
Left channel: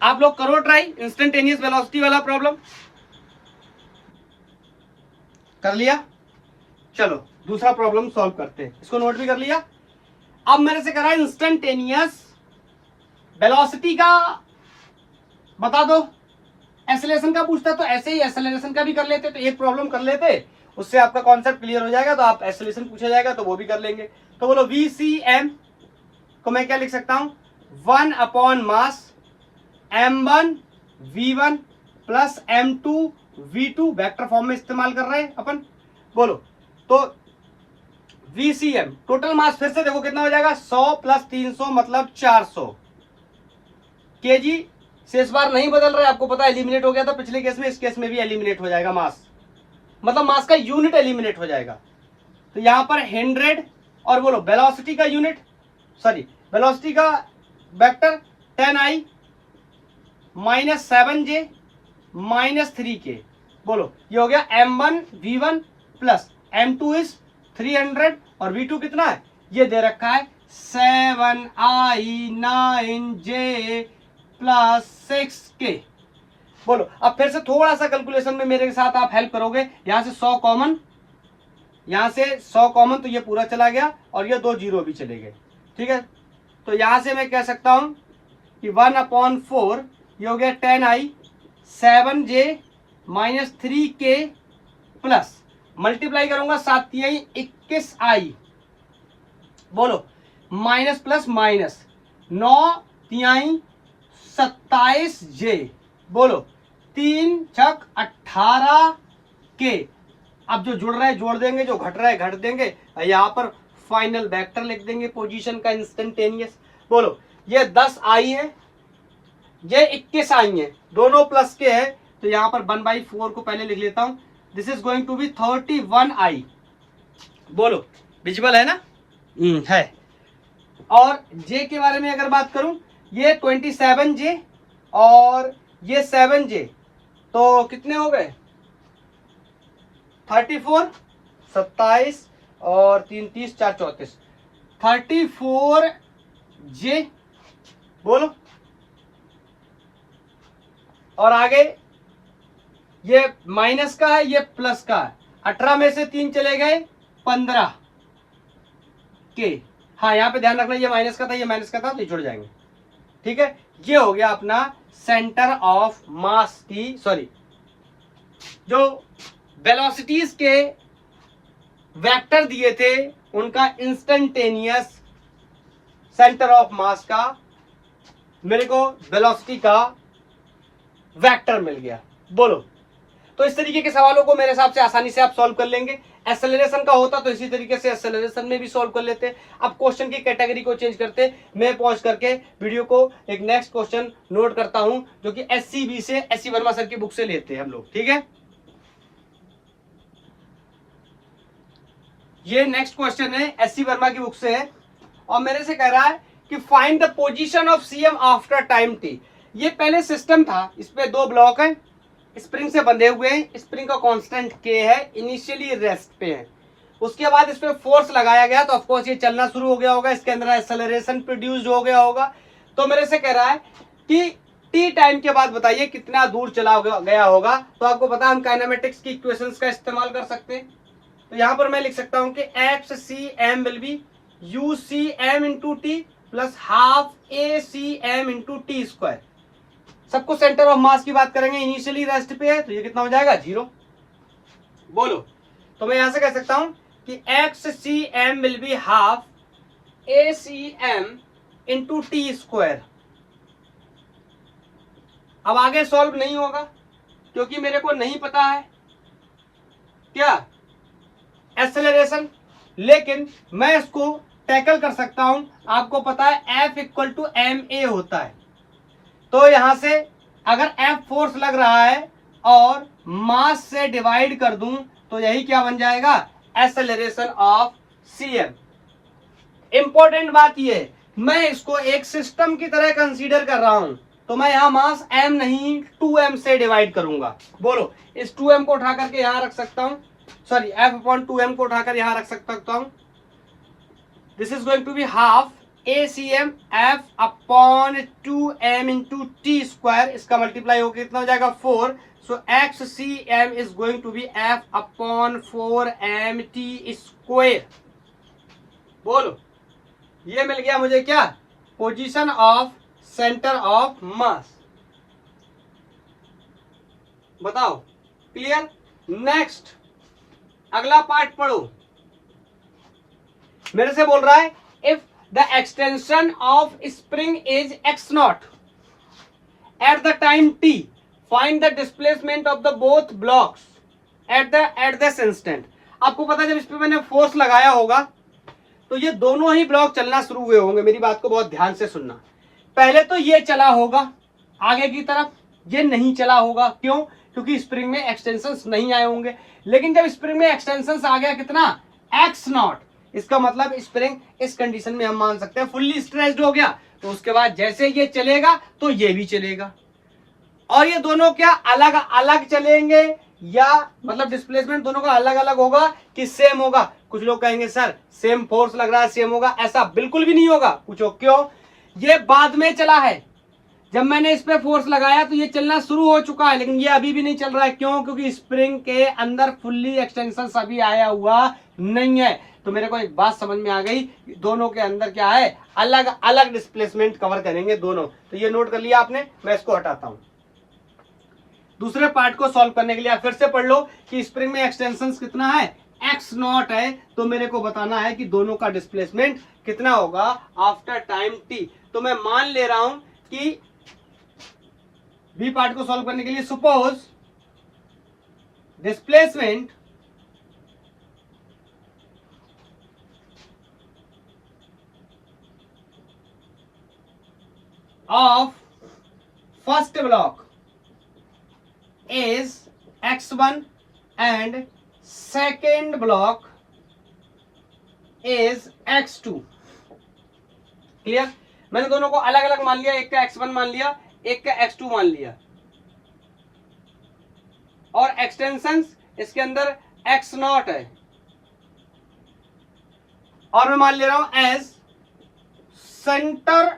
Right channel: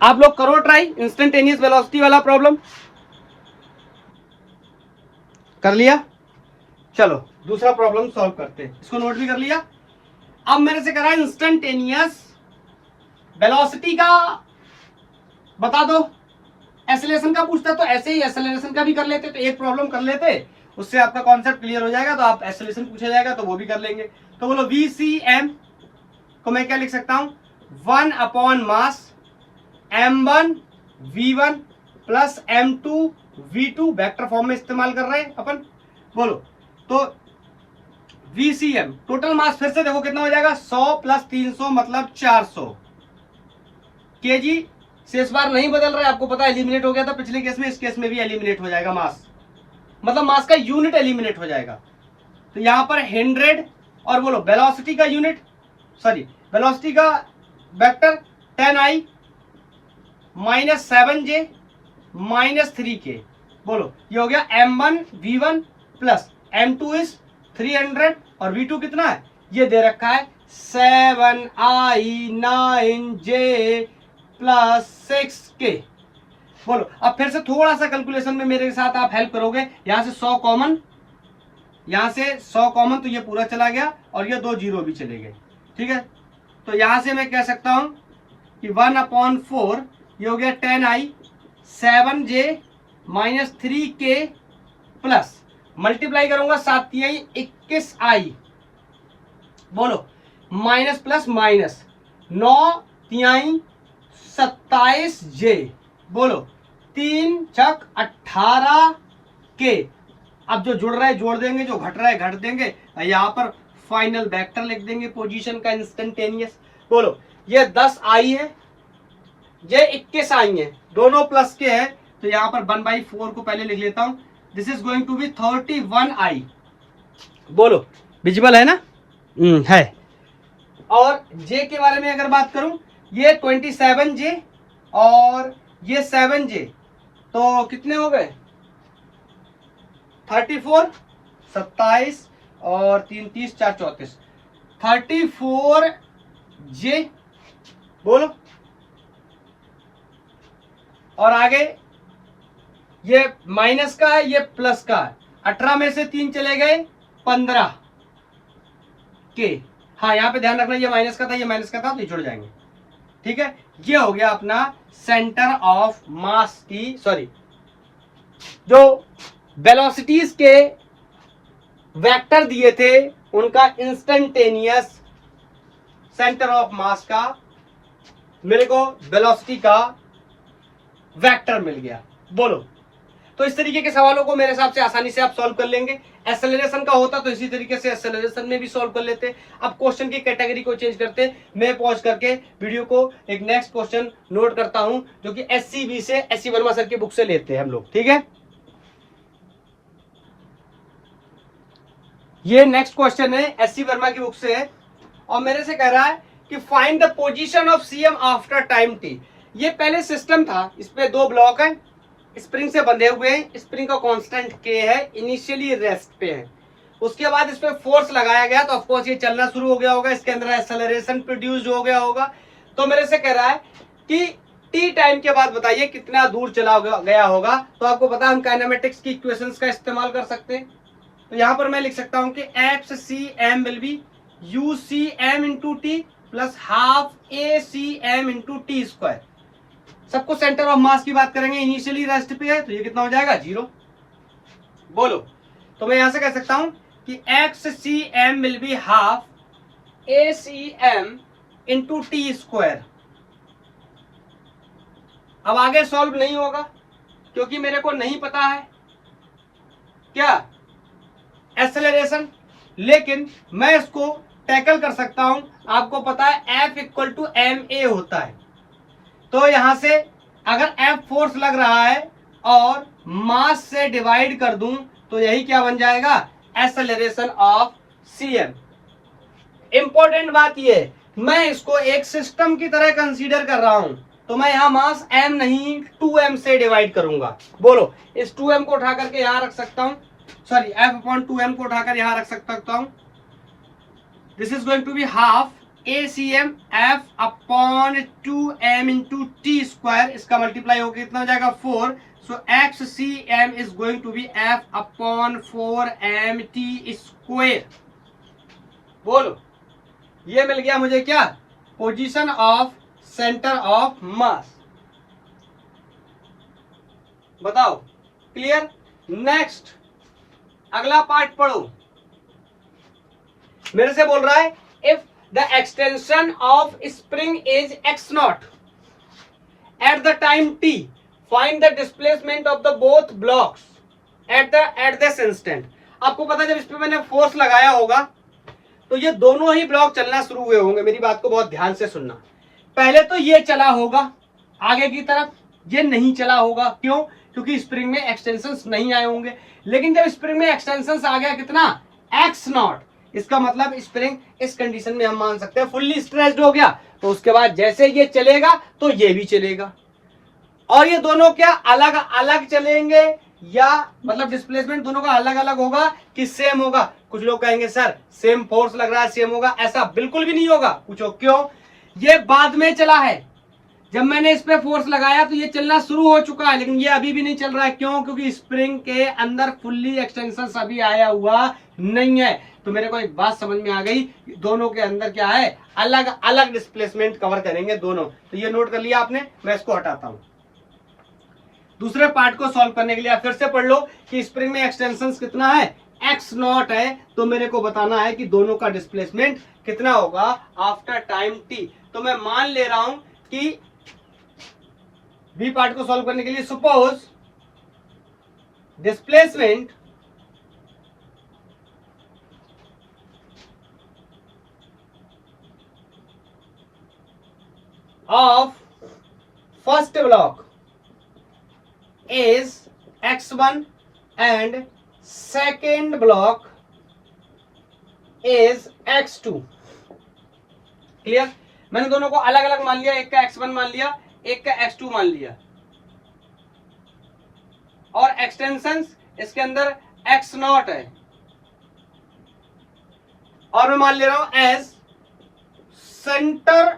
आप लोग करो ट्राई इंस्टेंटेनियस वेलोसिटी वाला प्रॉब्लम, कर लिया। चलो दूसरा प्रॉब्लम सॉल्व करते हैं, इसको नोट भी कर लिया। अब मेरे से करा इंस्टेंटेनियस वेलोसिटी का बता दो, एक्सेलरेशन का पूछता तो ऐसे ही एक्सेलरेशन का भी कर लेते, तो एक प्रॉब्लम कर लेते, उससे आपका कॉन्सेप्ट क्लियर हो जाएगा, तो आप एक्सेलरेशन पूछा जाएगा तो वो भी कर लेंगे। तो बोलो VCM को मैं क्या लिख सकता हूं 1 upon mass M1 V1 plus M2 V2, vector form में इस्तेमाल कर रहे हैं अपन। बोलो, तो VCM टोटल मास फिर से देखो कितना हो जाएगा 100 प्लस 300 मतलब 400 kg से इस बार नहीं बदल रहा है, आपको पता है एलिमिनेट हो गया था पिछले केस में, इस केस में भी एलिमिनेट हो जाएगा मास, मतलब मास का यूनिट एलिमिनेट हो जाएगा। तो यहां पर 100, और बोलो वेलोसिटी का यूनिट, सॉरी वेलोसिटी का vector 10i minus 7j minus 3k। बोलो, ये हो गया M1 V1 plus M2 is 300, और V2 कितना है ये दे रखा है 7i 9j प्लस 6k। बोलो, अब फिर से थोड़ा सा कैलकुलेशन में मेरे साथ आप हेल्प करोगे, यहां से 100 कॉमन, यहां से 100 कॉमन, तो ये पूरा चला गया, और ये 2 जीरो भी चले गए। ठीक है, तो यहां से मैं कह सकता हूं कि 1 अपॉन 4, ये हो गया 10i 7j minus 3k plus multiply करूंगा 7 तिहाई 21i, बोलो माइनस प्लस माइनस 9 तिहाई 27j, बोलो 3 छक 18k। अब जो जुड़ रहा है जोड़ देंगे, जो घट रहा है घट देंगे, यहां पर फाइनल वेक्टर लिख देंगे पोजीशन का इंस्टेंटेनियस। बोलो ये 10i है, ये 21i है, दोनों प्लस के है, तो यहां पर 1/4 को पहले लिख लेता हूं। This is going to be 31i। बोलो विजिबल है ना? है। और j के बारे में अगर बात करूं, ये 27j और ये 7j, तो कितने हो गए? 34, 27 और 3 30 4 34, 34j। बोलो और आगे ये माइनस का है, ये प्लस का है। 18 में से 3 चले गए 15 के। हाँ यहां पे ध्यान रखना, ये माइनस का था, ये माइनस का था, तो ये जुड़ जाएंगे। ठीक है, ये हो गया अपना सेंटर ऑफ मास की, सॉरी जो वेलोसिटीज के वेक्टर दिए थे उनका इंस्टेंटेनियस सेंटर ऑफ मास का मेरे को वेलोसिटी का वेक्टर मिल गया। बोलो, तो इस तरीके के सवालों को मेरे हिसाब से आसानी से आप सॉल्व कर लेंगे। एक्सेलरेशन का होता तो इसी तरीके से एक्सेलरेशन में भी सॉल्व कर लेते। अब क्वेश्चन की कैटेगरी को चेंज करते, मैं पॉज करके वीडियो को एक नेक्स्ट क्वेश्चन नोट करता हूं जो कि SCB से, SC वर्मा सर की बुक से लेते हैं हम लोग। ठीक है, ये नेक्स्ट क्वेश्चन है SC वर्मा की बुक से है और मेरे से कह रहा है कि find the position of CM after time t। ये पहले सिस्टम था, इस पे 2 ब्लॉक हैं, स्प्रिंग से बंधे हुए हैं, स्प्रिंग का कांस्टेंट k है, इनिशियली रेस्ट पे है। उसके बाद इस पे फोर्स लगाया गया तो ऑफ कोर्स ये चलना शुरू हो गया होगा, इसके अंदर एक्सेलरेशन प्रोड्यूस हो गया होगा। तो मेरे से कह रहा है कि t टाइम के बाद बताइए कितना दूर चला गया होगा। तो आपको पता है हम काइनेमेटिक्स की इक्वेशंस का इस्तेमाल कर सकते हैं। तो यहां पर मैं लिख सकता हूं कि XCM will be UCM into T plus half ACM into t square. सबको सेंटर ऑफ मास की बात करेंगे, इनिशियली रेस्ट पे है तो ये कितना हो जाएगा 0। बोलो, तो मैं यहां से कह सकता हूं कि XCM will be half ACM into t square. अब आगे सॉल्व नहीं होगा क्योंकि मेरे को नहीं पता है क्या एक्सेलरेशन, लेकिन मैं इसको टैकल कर सकता हूं। आपको पता है F इक्वल टू ma होता है, तो यहां से अगर F फोर्स लग रहा है और मास से डिवाइड कर दूं तो यही क्या बन जाएगा, एक्सेलरेशन ऑफ CM। इंपॉर्टेंट बात ये, मैं इसको एक सिस्टम की तरह कंसीडर कर रहा हूं, तो मैं यहां मास m नहीं 2m से डिवाइड करूंगा। बोलो, इस 2m को उठा करके यहां रख सकता हूं, सॉरी F अपॉन 2m को उठाकर यहां रख सकता हूं। This is going to be half ACM F upon 2m into t square, इसका मल्टीप्लाई होकर कितना हो जाएगा 4। So XCM is going to be F upon 4m t square. बोलो, ये मिल गया मुझे क्या, position of centre of mass. बताओ क्लियर? नेक्स्ट अगला पार्ट पढ़ो। मेरे से बोल रहा है if the extension of spring is x0 at the time t, find the displacement of the both blocks at this instant. आपको पता है जब इस पे मैंने फोर्स लगाया होगा तो ये दोनों ही ब्लॉक चलना शुरू हुए होंगे। मेरी बात को बहुत ध्यान से सुनना। पहले तो ये चला होगा आगे की तरफ, ये नहीं चला होगा। क्यों? क्योंकि स्प्रिंग में एक्सटेंशंस नहीं आए होंगे। लेकिन जब स्प्रिंग में एक्सटेंशंस आ गया कितना, x0, इसका मतलब स्प्रिंग इस कंडीशन में हम मान सकते हैं फुल्ली स्ट्रेच्ड हो गया। तो उसके बाद जैसे ये चलेगा तो ये भी चलेगा, और ये दोनों क्या अलग अलग चलेंगे, या मतलब डिस्प्लेसमेंट दोनों का अलग अलग होगा कि सेम होगा? कुछ लोग कहेंगे सर सेम फोर्स लग रहा है सेम होगा, ऐसा बिल्कुल भी नहीं होगा। पूछो क्यों? ये बाद में चला है, जब मैंने इस पे फोर्स लगाया तो ये चलना शुरू हो चुका है, लेकिन ये अभी भी नहीं चल रहा है। क्यों? क्योंकि स्प्रिंग के अंदर फुल्ली एक्सटेंशन अभी आया हुआ नहीं है। तो मेरे को एक बात समझ में आ गई, दोनों के अंदर क्या है, अलग अलग डिस्प्लेसमेंट कवर करेंगे दोनों। तो ये नोट कर लिया आपने, मैं इसको हटाता हूं। दूसरे पार्ट को सॉल्व करने के लिए आप फिर से पढ़ लो कि स्प्रिंग में एक्सटेंशन कितना है, x नॉट है, तो मेरे को बताना है कि दोनों का डिस्प्लेसमेंट कितना होगा आफ्टर टाइम t। तो मैं मान ले रहा हूं कि बी पार्ट को सॉल्व करने के लिए suppose displacement of first block is x1 and second block is x2। Clear? मैंने दोनों को अलग अलग मान लिया, एक का x1 मान लिया, एक का x2 मान लिया, और एक्सटेंशंस इसके अंदर x नॉट है, और मैं मान ले रहा हूं as centre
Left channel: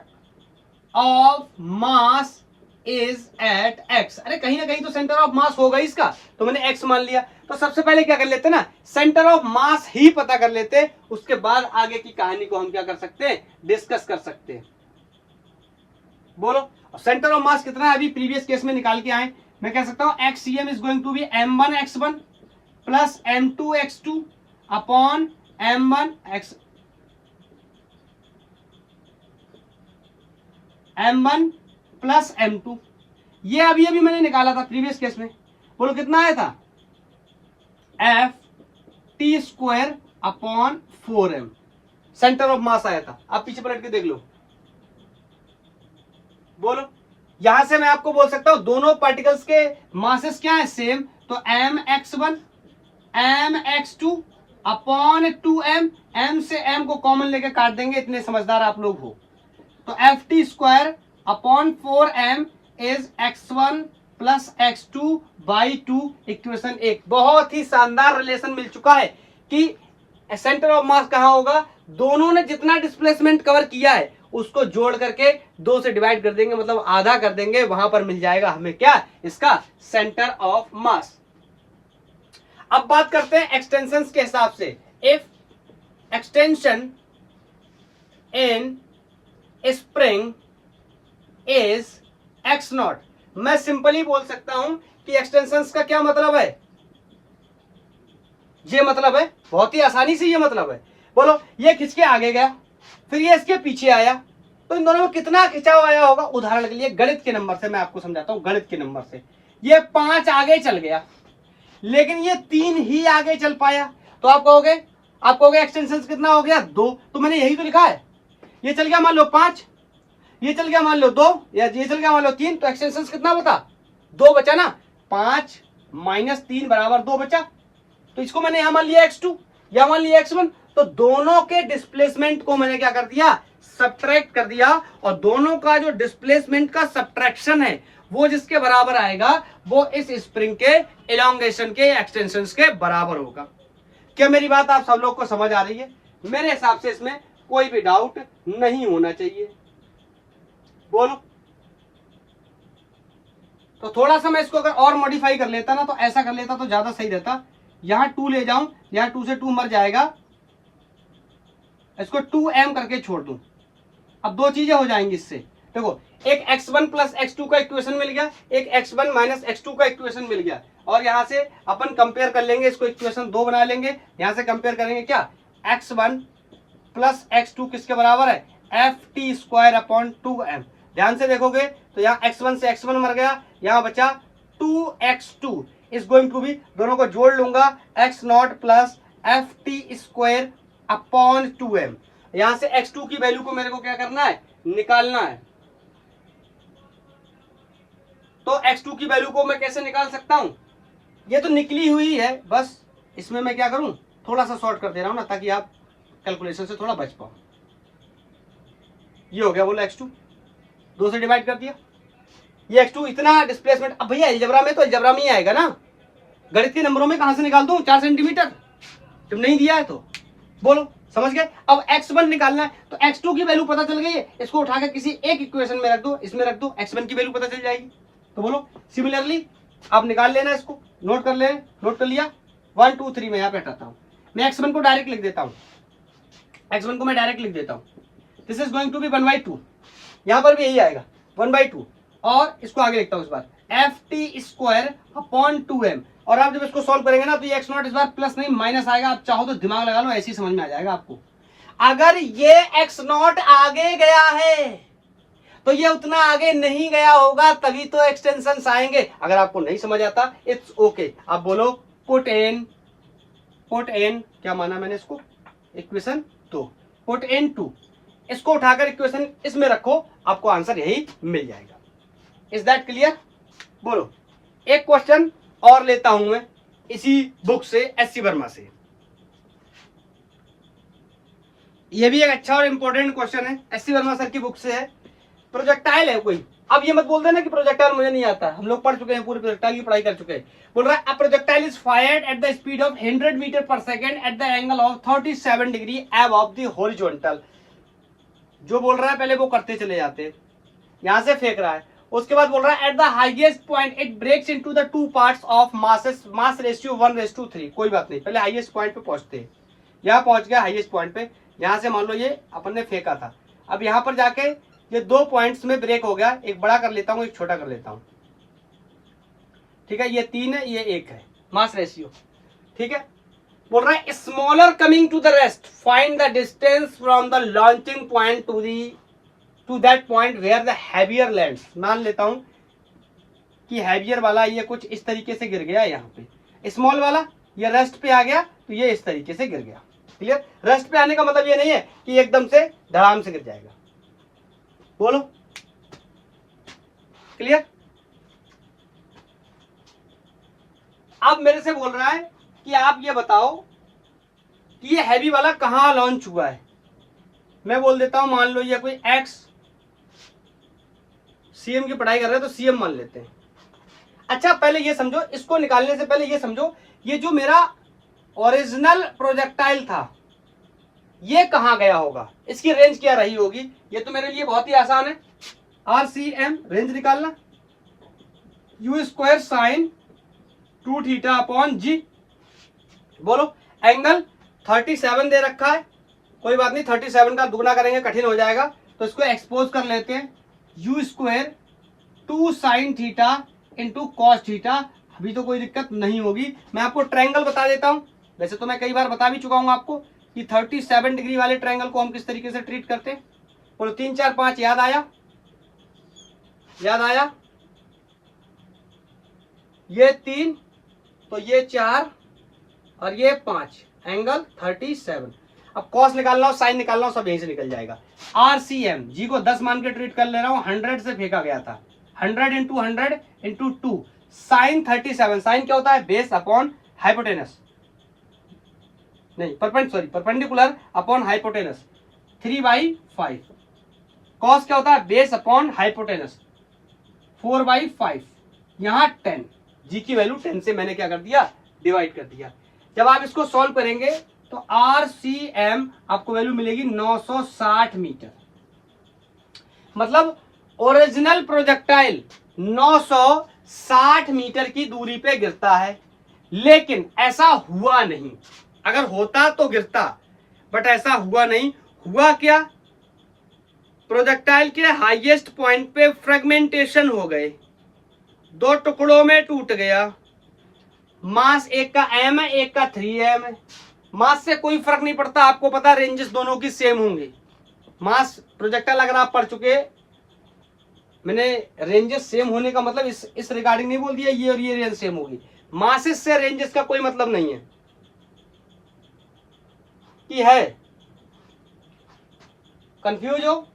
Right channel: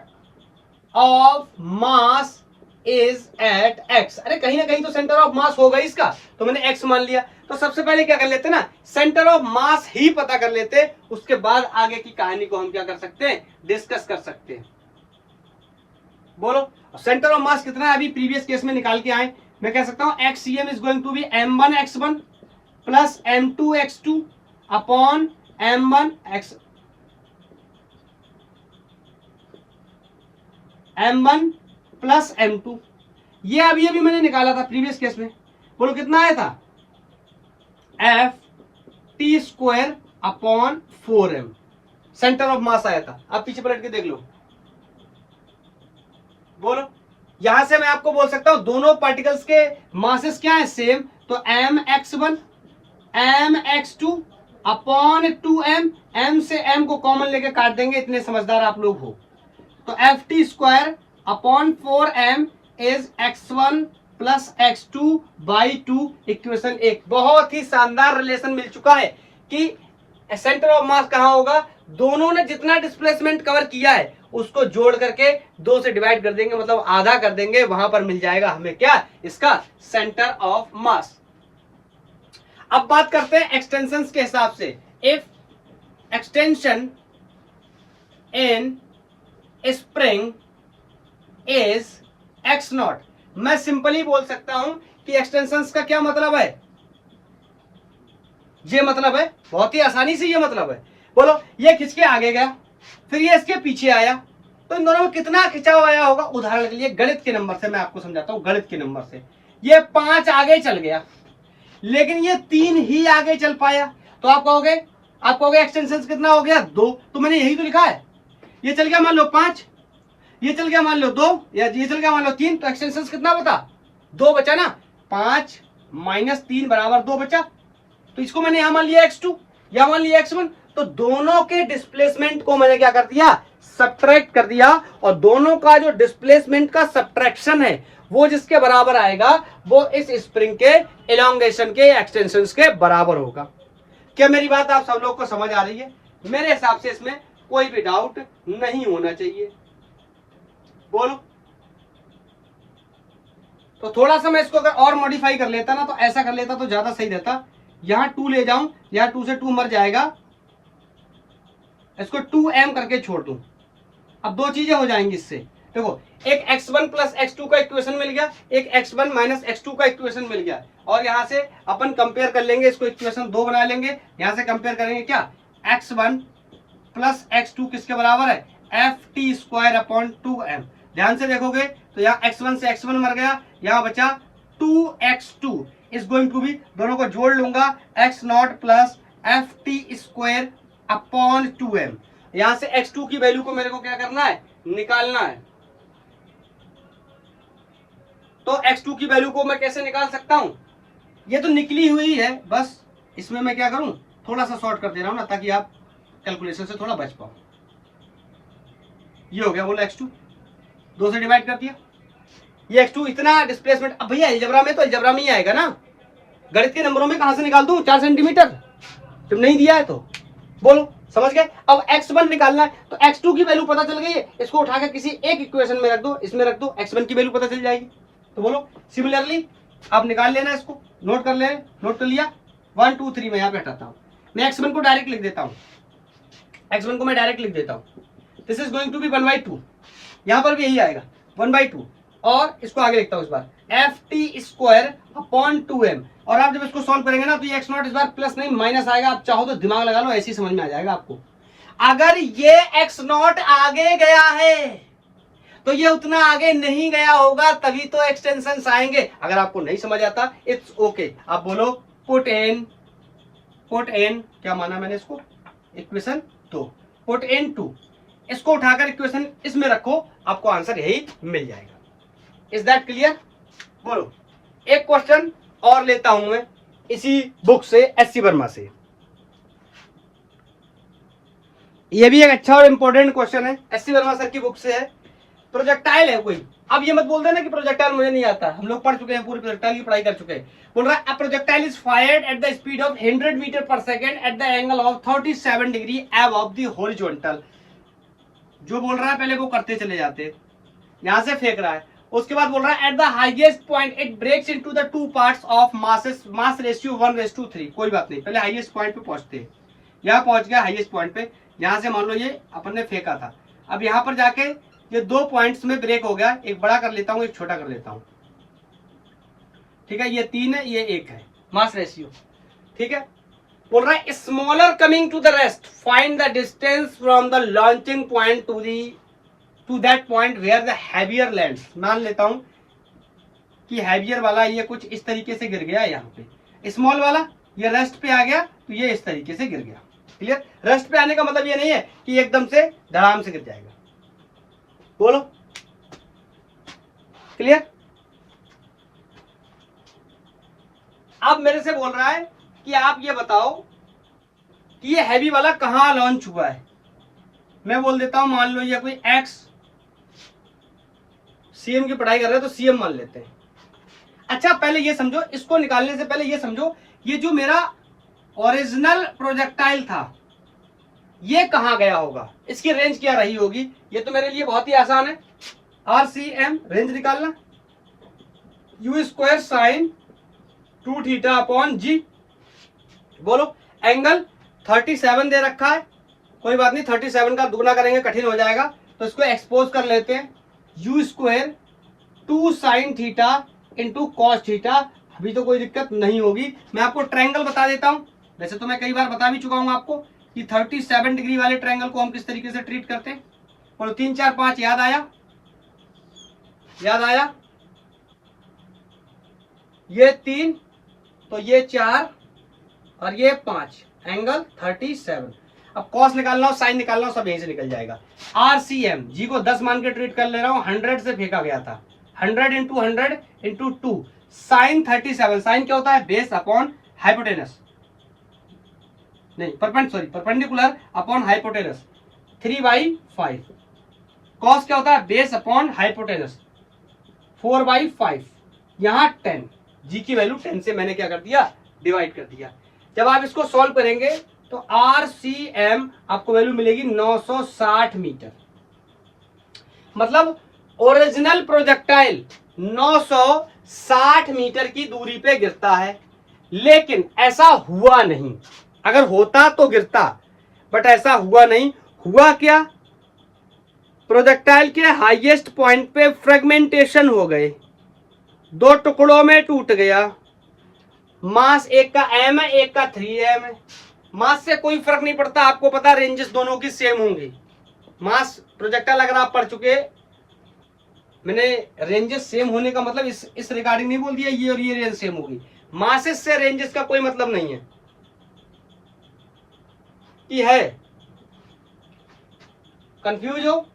of mass is at x। अरे कहीं ना कहीं तो सेंटर ऑफ मास होगा इसका, तो मैंने x मान लिया। तो सबसे पहले क्या कर लेते ना, सेंटर ऑफ मास ही पता कर लेते, उसके बाद आगे की कहानी को हम क्या कर सकते हैं, डिस्कस कर सकते हैं। बोलो सेंटर ऑफ मास कितना है, अभी प्रीवियस केस में निकाल के आए। मैं कह सकता हूं XCM is going to be m1 x1 plus m2 x2 upon m1 plus m2। ये अभी मैंने निकाला था प्रीवियस केस में। बोलो कितना आया था, F T square upon 4m centre of मास आया था। आप पीछे पलट के देख लो। बोलो यहां से मैं आपको बोल सकता हूं दोनों पार्टिकल्स के मासेस क्या है, सेम। तो mx1 mx2 upon 2m, m से m को कॉमन लेके काट देंगे, इतने समझदार आप लोग हो। तो F T square upon 4m is x1 plus x2 by 2, equation 1। बहुत ही शानदार रिलेशन मिल चुका है कि सेंटर ऑफ मास कहां होगा, दोनों ने जितना डिस्प्लेसमेंट कवर किया है उसको जोड़ करके 2 से डिवाइड कर देंगे, मतलब आधा कर देंगे, वहां पर मिल जाएगा हमें क्या, इसका सेंटर ऑफ मास। अब बात करते हैं एक्सटेंशंस के हिसाब से। If extension in spring is x not, मैं सिंपली बोल सकता हूं कि एक्सटेंशंस का क्या मतलब है, ये मतलब है, बहुत ही आसानी से ये मतलब है। बोलो ये खिंच के आगे गया, फिर ये इसके पीछे आया, तो इन दोनों में कितना खिंचाव आया होगा। उदाहरण के लिए गणित के नंबर से मैं आपको समझाता हूं, गणित के नंबर से ये 5 आगे चल गया, लेकिन ये 3 ही आगे चल पाया, तो आप कहोगे एक्सटेंशंस कितना हो गया, 2। तो मैंने यही तो लिखा है, ये चल गया मान लो 5, ये चल गया मान लो 2, या ये चल गया मान लो 3, तो एक्सटेंशंस कितना बता, 2 बचा ना। 5 माइनस 3 बराबर 2 बचा, तो इसको मैंने यहां मान लिया x2, या मान लिया x1। तो दोनों के डिस्प्लेसमेंट को मैंने क्या कर दिया, सब्ट्रैक्ट कर दिया, और दोनों का जो डिस्प्लेसमेंट का सब्ट्रैक्शन है वो जिसके बराबर आएगा वो इस स्प्रिंग के एलोंगेशन के, एक्सटेंशंस के बराबर होगा। क्या मेरी बात आप सब लोग को समझ आ रही है? मेरे हिसाब से इसमें कोई भी डाउट नहीं होना चाहिए। बोलो तो थोड़ा सा मैं इसको अगर और मॉडिफाई कर लेता ना, तो ऐसा कर लेता तो ज्यादा सही रहता। यहां 2 ले जाऊं, यहां 2 से 2 मर जाएगा, इसको 2m करके छोड़ दूं। अब 2 चीजें हो जाएंगी इससे। देखो एक x1 प्लस x2 का इक्वेशन मिल गया, एक x1 माइनस x2 का इक्वेशन मिल गया, और यहां से अपन कंपेयर कर लेंगे, इसको इक्वेशन 2 बना लेंगे। यहां से कंपेयर करेंगे क्या, x1 प्लस x2 किसके बराबर है, F T square upon 2m। ध्यान से देखोगे तो यहाँ x1 से x1 मर गया, यहाँ बचा 2x2 is going to B, दोनों को जोड़ लूंगा, x not plus F T square upon 2m। यहां से x2 की वैल्यू को मेरे को क्या करना है, निकालना है। तो x2 की वैल्यू को मैं कैसे निकाल सकता हूं, ये तो निकली हुई है, बस इसमें मैं क्या करूं, थोड़ा सा शॉर्ट कर दे रहा हूं ना, ताकि आप कैलकुलेशन से थोड़ा बच पाओ। ये हो गया, बोलो x2 2 से डिवाइड कर दिया, ये x2 इतना डिस्प्लेसमेंट। अब भैया अलजेब्रा में तो अलजेब्रा में ही आएगा ना, गणित के नंबरों में कहां से निकाल दूं, 4 सेंटीमीटर जब नहीं दिया है तो। बोलो समझ गए? अब x1 निकालना है, तो x2 की वैल्यू पता चल गई है, इसको उठाकर किसी एक इक्वेशन में रख दो, इसमें रख दो, x1 की वैल्यू पता चल जाएगी। तो बोलो सिमिलरली आप निकाल लेना, इसको नोट कर ले, नोट कर लिया। 1 2 3 मैं यहाँ पे हटाता हूँ, मैं x1 को डायरेक्ट लिख देता हूँ, x1 को मैं डायरेक्ट लिख देता हूं, this is going to be 1/2, यहां पर भी यही आएगा 1/2, और इसको आगे लिखता हूं इस बार ft²/2m, और आप जब इसको सॉल्व करेंगे ना तो ये x0 इस बार प्लस नहीं माइनस आएगा, आप चाहो तो दिमाग लगा लो, ऐसे ही समझ में आ जाएगा आपको। अगर ये x0 आगे गया है तो ये उतना आगे नहीं गया होगा, तभी तो एक्सटेंशन आएंगे। अगर आपको नहीं समझ आता इट्स ओके, आप बोलो पुट इन क्या माना मैंने इसको, इक्वेशन 2, पुट इन 2, इसको उठाकर इक्वेशन इसमें रखो, आपको आंसर यही मिल जाएगा। Is that clear? बोलो। एक क्वेश्चन और लेता हूं मैं इसी बुक से, एससी वर्मा से। ये भी एक अच्छा और इंपॉर्टेंट क्वेश्चन है, एससी वर्मा सर की बुक से है। प्रोजेक्टाइल है कोई, अब ये मत बोल देना कि प्रोजेक्टाइल मुझे नहीं आता, हम लोग पढ़ चुके हैं, पूरी प्रोजेक्टाइल की पढ़ाई कर चुके हैं। बोल रहा है a projectile is fired at the speed of 100 metre per second at the angle of 37 degree above the horizontal. जो बोल रहा है पहले वो करते चले जाते, यहां से फेंक रहा है, उसके बाद बोल रहा है at the highest point it breaks into the two parts of mass ratio 1:3। कोई बात नहीं, पहले हाईएस्ट पॉइंट पे पहुंचते हैं। यहां पहुंच गया हाईएस्ट पॉइंट पे, यहां से मान लो ये अपन ने फेंका था, अब यहां पर जाके ये 2 पॉइंट्स में ब्रेक हो गया, एक बड़ा कर लेता हूं एक छोटा कर लेता हूं, ठीक है, ये 3 है ये 1 है मास रेशियो, ठीक है। बोल रहा है smaller coming to the rest, find the distance from the launching point to that point where the heavier lands. मान लेता हूं कि हैवियर वाला ये कुछ इस तरीके से गिर गया, यहाँ पे स्मॉल वाला ये रेस्ट पे आ गया तो ये इस तरीके से गिर गया, क्लियर। रेस्ट पे आने का मतलब ये नहीं है कि एकदम से धड़ाम से गिर जाएगा, बोलो क्लियर। अब मेरे से बोल रहा है कि आप ये बताओ कि ये हैवी वाला कहां लॉन्च हुआ है। मैं बोल देता हूं मान लो ये कोई एक्स, सीएम की पढ़ाई कर रहे हैं तो सीएम मान लेते हैं। अच्छा पहले ये समझो, इसको निकालने से पहले ये समझो, ये जो मेरा ओरिजिनल प्रोजेक्टाइल था ये कहां गया होगा, इसकी रेंज क्या रही होगी। ये तो मेरे लिए बहुत ही आसान है, RCM रेंज निकालना, u² sin 2θ/g। बोलो एंगल 37 दे रखा है, कोई बात नहीं 37 का दुगना करेंगे कठिन हो जाएगा, तो इसको एक्सपोज कर लेते हैं, u² 2 sin θ इंटू cos θ। अभी तो कोई दिक्कत नहीं होगी, मैं आपको ट्रायंगल बता देता हूं। वैसे तो मैं कई बार बता भी चुका हूं आपको कि 37 डिग्री वाले ट्रायंगल को हम किस तरीके से ट्रीट करते हैं। बोलो 3 4 5 याद आया, याद आया, ये 3 तो ये 4 और ये 5, एंगल 37। अब कॉस निकालना हो साइन निकालना हो सब यहीं से निकल जाएगा। RCM जी को 10 मान के ट्रीट कर ले रहा हूं, 100 से फेंका गया था, 100 इंटू 100 इंटू 2 साइन 37। साइन क्या होता है, बेस अपॉन हाइपोटेनस, नहीं परपेंडिकुलर अपॉन हाइपोटेनस 3/5। कॉस क्या होता है, बेस अपॉन हाइपोटेनस 4/5। यहाँ 10, जी की वैल्यू 10 से मैंने क्या कर दिया, डिवाइड कर दिया। जब आप इसको सॉल्व करेंगे तो RCM आपको वैल्यू मिलेगी 960 मीटर। मतलब ओरिजिनल प्रोजेक्टाइल 960 मीटर की दूरी पे गिरता है, लेकिन ऐसा हुआ नहीं। अगर होता तो गिरता, बट ऐसा हुआ नहीं। हुआ क्या, प्रोजेक्टाइल के हाईएस्ट पॉइंट पे फ्रेगमेंटेशन हो गए, 2 टुकड़ों में टूट गया। मास एक का m है, एक का 3m है। मास से कोई फर्क नहीं पड़ता, आपको पता है रेंजेस दोनों की सेम होंगी। मास प्रोजेक्टाइल अगर आप पढ़ चुके, मैंने रेंजेस सेम होने का मतलब इस रिगार्डिंग नहीं बोल दिया ये और ये रेंज सेम होगी। मासेस से रेंजेस का कोई मतलब नहीं है कि है। कंफ्यूज हो,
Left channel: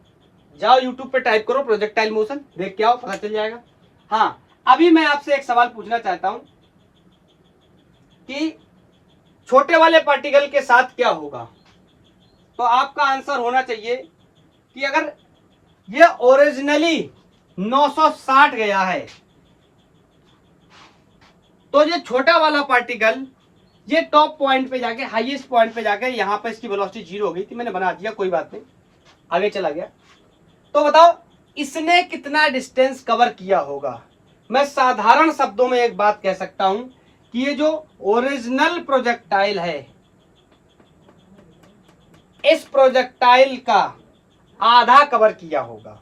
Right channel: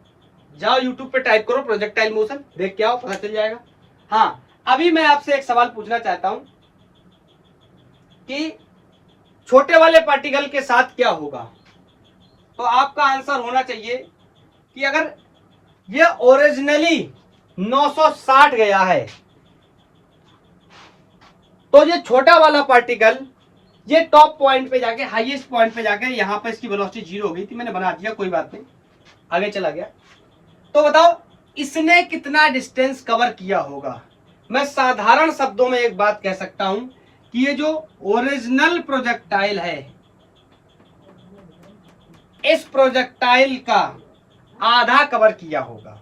जाओ YouTube पे टाइप करो प्रोजेक्टाइल मोशन, देख के आओ, पता चल जाएगा। हाँ, अभी मैं आपसे एक सवाल पूछना चाहता हूं कि छोटे वाले पार्टिकल के साथ क्या होगा। तो आपका आंसर होना चाहिए कि अगर ये ओरिजिनली 960 गया है तो ये छोटा वाला पार्टिकल ये टॉप पॉइंट पे जाके, हाईएस्ट पॉइंट पे जाके, यहां पर इसकी वेलोसिटी 0 हो गई थी, मैंने बना दिया, कोई बात नहीं, आगे चला गया। तो बताओ इसने कितना डिस्टेंस कवर किया होगा। मैं साधारण शब्दों में एक बात कह सकता हूं कि ये जो ओरिजिनल प्रोजेक्टाइल है इस प्रोजेक्टाइल का आधा कवर किया होगा।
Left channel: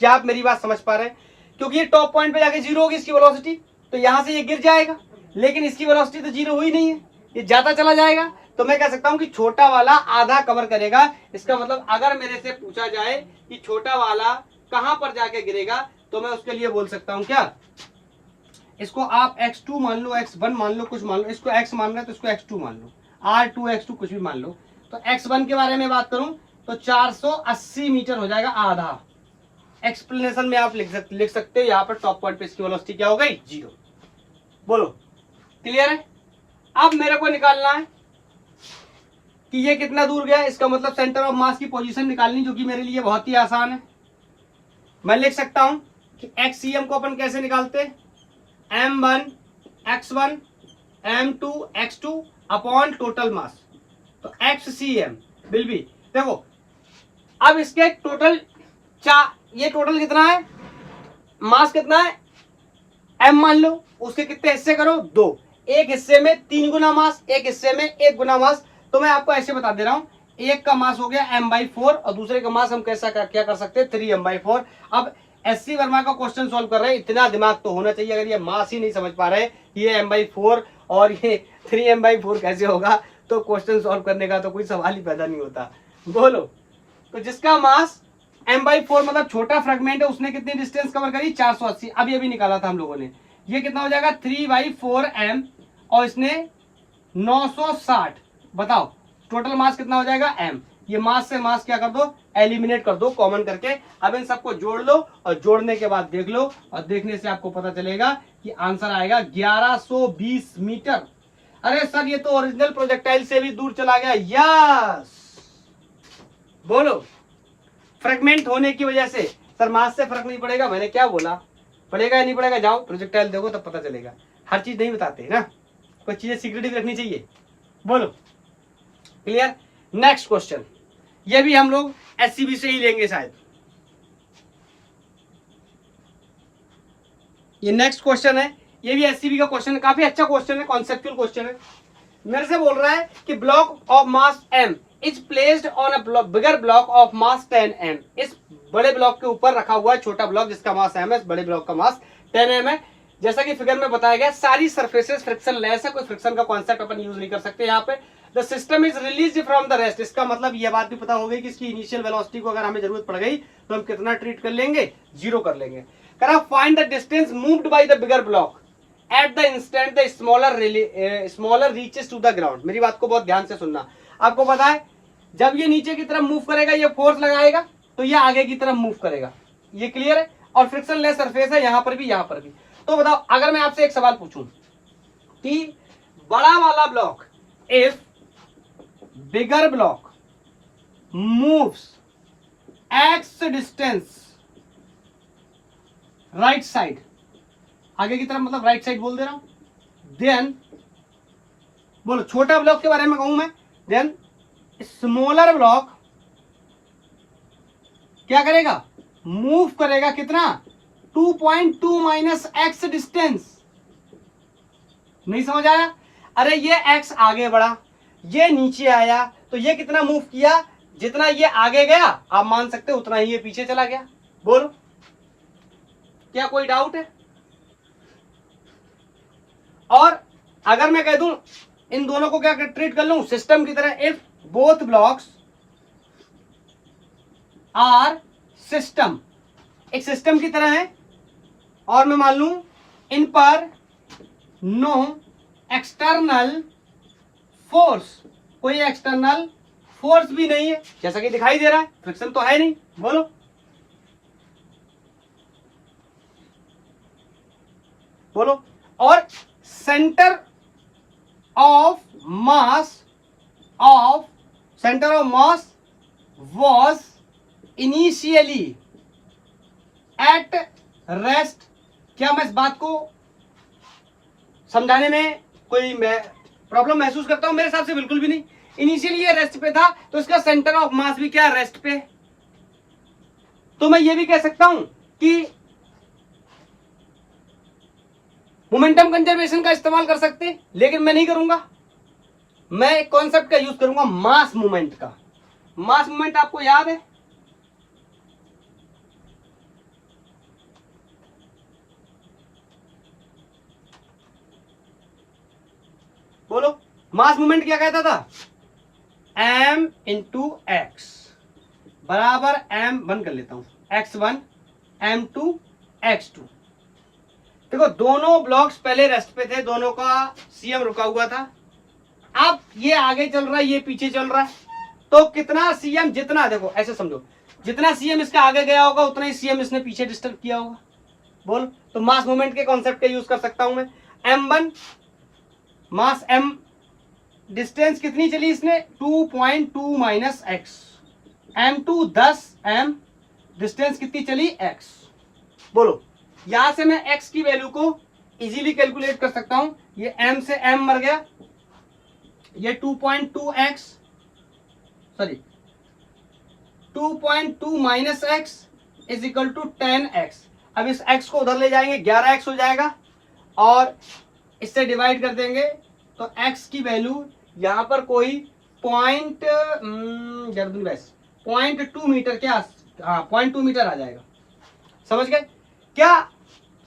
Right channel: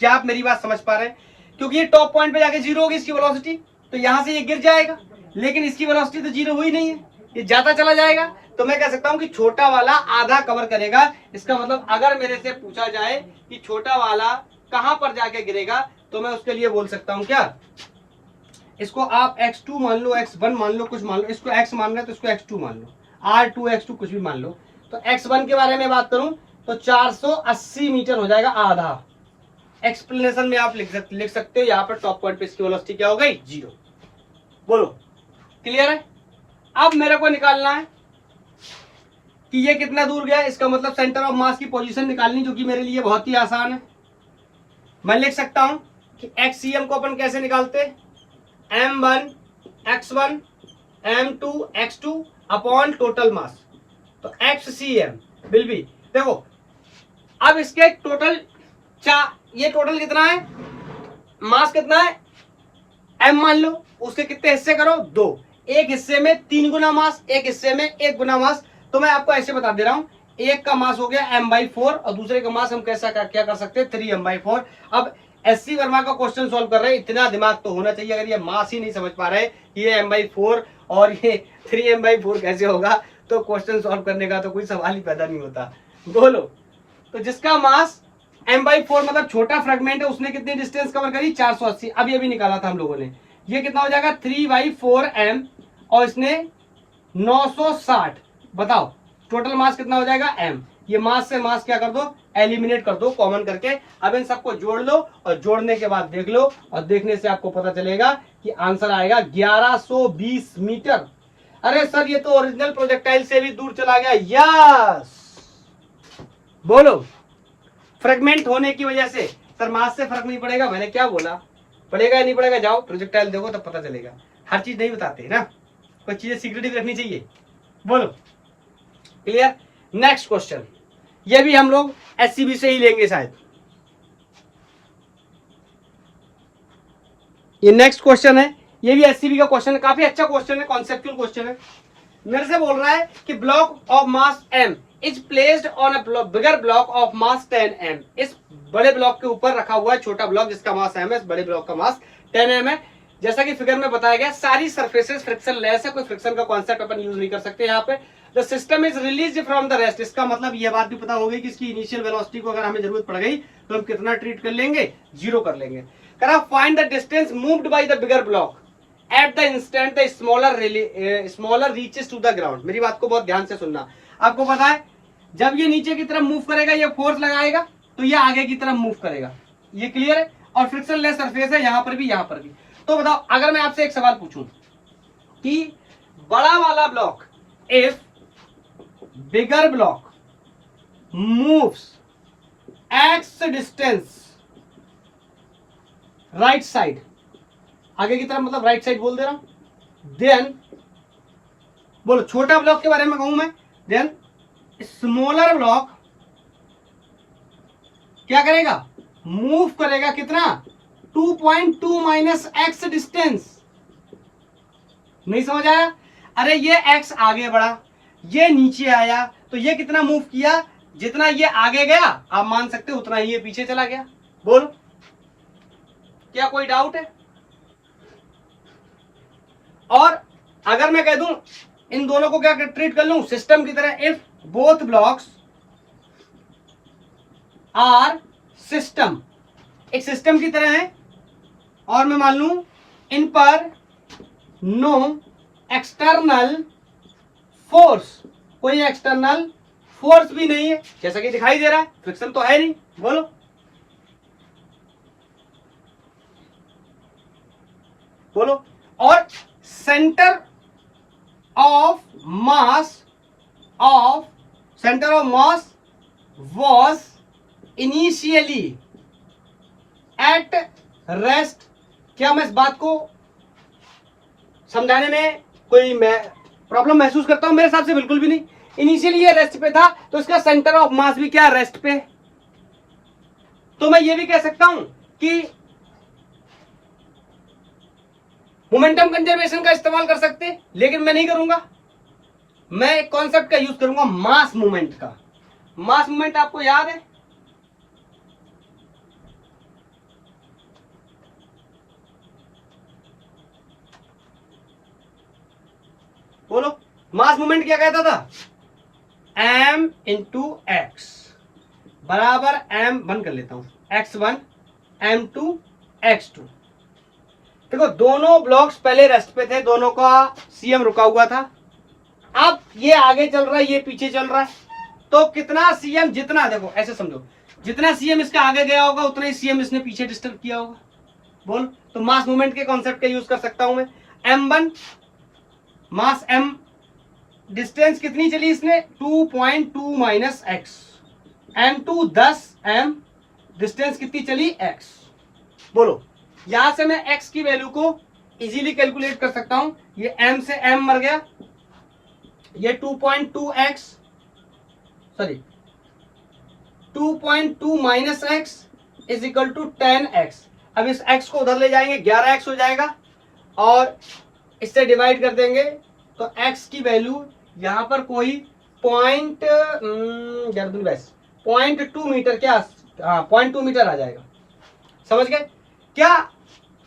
क्या आप मेरी बात समझ पा रहे हैं? क्योंकि ये टॉप पॉइंट पे जाके जीरो होगी इसकी वेलोसिटी, तो यहां से ये गिर जाएगा, लेकिन इसकी वेलोसिटी तो जीरो हुई नहीं है, ये जाता चला जाएगा। तो मैं कह सकता हूं कि छोटा वाला आधा कवर करेगा। इसका मतलब अगर मेरे से पूछा जाए कि छोटा वाला कहां पर जाके गिरेगा, तो मैं उसके लिए बोल सकता हूं क्या, इसको आप x2 मान लो, x1 मान लो, कुछ मान लो, इसको x मान रहे हैं तो इसको x2 मान लो, r2 x2 कुछ भी मान लो। तो x1 के बारे में बात करूं तो 480 मीटर हो जाएगा आधा। एक्सप्लेनेशन में आप लिख सकते हो, यहाँ पर टॉप पॉइंट पे इसकी वेलोसिटी क्या हो गई, जीरो। बोलो क्लियर है? अब मेरे को निकालना है कि ये कितना दूर गया, इसका मतलब सेंटर ऑफ मास की पोजीशन निकालनी, जो कि मेरे लिए बहुत ही आसान है। मैं लिख सकता हूं कि एक्ससीएम को अपन कैसे निकालते, m1 x1 m2 x2 upon total मास। तो एक्ससीएम विल बी, देखो अब इसके टोटल ये टोटल कितना है, मास कितना है, m मान लो, उसके कितने हिस्से करो, दो, एक हिस्से में 3 गुना मास, एक हिस्से में 1 गुना मास। तो मैं आपको ऐसे बता दे रहा हूं, एक का मास हो गया m/4 और दूसरे का मास हम कैसा क्या कर सकते हैं, 3m/4। अब एससी वर्मा का क्वेश्चन सॉल्व कर रहे हैं, इतना दिमाग तो होना चाहिए। अगर ये मास ही नहीं समझ पा रहे, ये m/4 और ये 3m/4 कैसे होगा, तो क्वेश्चन सॉल्व करने का तो कोई सवाल ही पैदा नहीं होता। बोलो, तो जिसका मास m/4 मतलब छोटा फ्रेगमेंट है, उसने कितनी डिस्टेंस कवर करी, 480। अब ये भी निकाला था हम लोगों ने, ये कितना हो जाएगा 3/4m और इसने 960। बताओ टोटल मास कितना हो जाएगा m। ये मास से मास क्या कर दो, एलिमिनेट कर दो कॉमन करके। अब इन सबको जोड़ लो और जोड़ने के बाद देख लो, और देखने से आपको पता चलेगा कि आंसर आएगा 1120 मीटर। अरे सर ये तो ओरिजिनल प्रोजेक्टाइल से भी दूर चला गया। यस, बोलो फ्रेगमेंट होने की वजह से सर मास से फर्क नहीं पड़ेगा, मैंने क्या बोला, पड़ेगा या नहीं पड़ेगा, जाओ प्रोजेक्टाइल देखो तब पता चलेगा। हर चीज नहीं बताते ना, कुछ चीजें सीक्रेटिव रखनी चाहिए। बोलो क्लियर? नेक्स्ट क्वेश्चन, ये भी हम लोग एससीबी से ही लेंगे शायद। ये नेक्स्ट क्वेश्चन है, ये भी एससीबी का क्वेश्चन है, काफी अच्छा क्वेश्चन है, कॉन्सेप्चुअल क्वेश्चन है। मेरे से बोल रहा है कि block of mass m is placed on a bigger block of mass 10m। इस बड़े ब्लॉक के ऊपर रखा हुआ है छोटा ब्लॉक जिसका मास m है, इस बड़े ब्लॉक का मास 10m है। जैसा कि फिगर में बताया गया, सारी सर्फेसेस फ्रिक्शन लेस है, कोई फ्रिक्शन का कॉन्सेप्ट अपन यूज नहीं कर सकते यहाँ पे। The system is release from the rest, इसका मतलब यह बात भी पता होगी कि इसकी इनिशियल वेलोसिटी को अगर हमें जरूरत पड़ गई तो हम कितना ट्रीट कर लेंगे, जीरो कर लेंगे। करा find the distance moved by the bigger block at the instant the smaller reaches to the ground. मेरी बात को बहुत ध्यान से सुनना। आपको पता है जब ये नीचे की तरफ मूव करेगा, ये फोर्स लगाएगा तो ये आगे की तरफ मूव करेगा, ये क्लियर है। और फ्रिक्शन लेस सरफेस है यहां पर भी, यहां पर भी। तो बताओ अगर मैं आपसे एक सवाल पूछूं कि बड़ा वाला block, if bigger block moves x distance right side, आगे की तरफ मतलब राइट साइड बोल दे रहा हूं, देन बोलो छोटा ब्लॉक के बारे में कहूं मैं, देन स्मॉलर ब्लॉक क्या करेगा, मूव करेगा कितना, 2.2 माइनस एक्स डिस्टेंस। नहीं समझ आया? अरे ये x आगे बढ़ा, ये नीचे आया, तो ये कितना मूव किया, जितना ये आगे गया आप मान सकते हो उतना ही ये पीछे चला गया। बोलो क्या कोई डाउट है? और अगर मैं कह दूं इन दोनों को क्या ट्रीट कर लूं, सिस्टम की तरह, if both blocks are system, एक सिस्टम की तरह है, और मैं मान लूं इन पर नो एक्सटर्नल फोर्स, कोई एक्सटर्नल फोर्स भी नहीं है, जैसा कि दिखाई दे रहा है, फ्रिक्शन तो है नहीं। बोलो बोलो। और centre of mass was initially at rest। क्या मैं इस बात को समझाने में कोई प्रॉब्लम महसूस करता हूं? मेरे हिसाब से बिल्कुल भी नहीं। इनिशियली ये रेस्ट पे था, तो इसका सेंटर ऑफ मास भी क्या, रेस्ट पे। तो मैं ये भी कह सकता हूं कि मोमेंटम कंजर्वेशन का इस्तेमाल कर सकते हैं, लेकिन मैं नहीं करूंगा। मैं एक कॉन्सेप्ट का यूज करूंगा, मास मूवमेंट का। मास मूवमेंट आपको याद है? बोलो, मास मूवमेंट क्या कहता था? m इंटू एक्स बराबर m, बंद कर लेता हूं, x1 m2 x2। देखो दोनों ब्लॉक्स पहले रेस्ट पे थे, दोनों का सीएम रुका हुआ था। अब ये आगे चल रहा है, ये पीछे चल रहा है, तो कितना सीएम, जितना देखो ऐसे समझो, जितना सीएम इसका आगे गया होगा उतना ही सीएम इसने पीछे डिस्टर्ब किया होगा। बोल, तो मास मूवमेंट के कॉन्सेप्ट का यूज कर सकता हूं मैं। m1 मास m, डिस्टेंस कितनी चली इसने? 2.2 minus x. m2 10 m, distance कितनी चली? x। बोलो, यहां से मैं x की वैल्यू को इजीली कैलकुलेट कर सकता हूं। ये m से m मर गया, ये 2.2x, sorry 2.2 minus x is equal to 10x। अब इस x को उधर ले जाएंगे, 11x हो जाएगा, और इससे डिवाइड कर देंगे तो x की वैल्यू यहां पर कोई 0.2 मीटर, क्या 0.2 मीटर आ जाएगा। समझ गए क्या?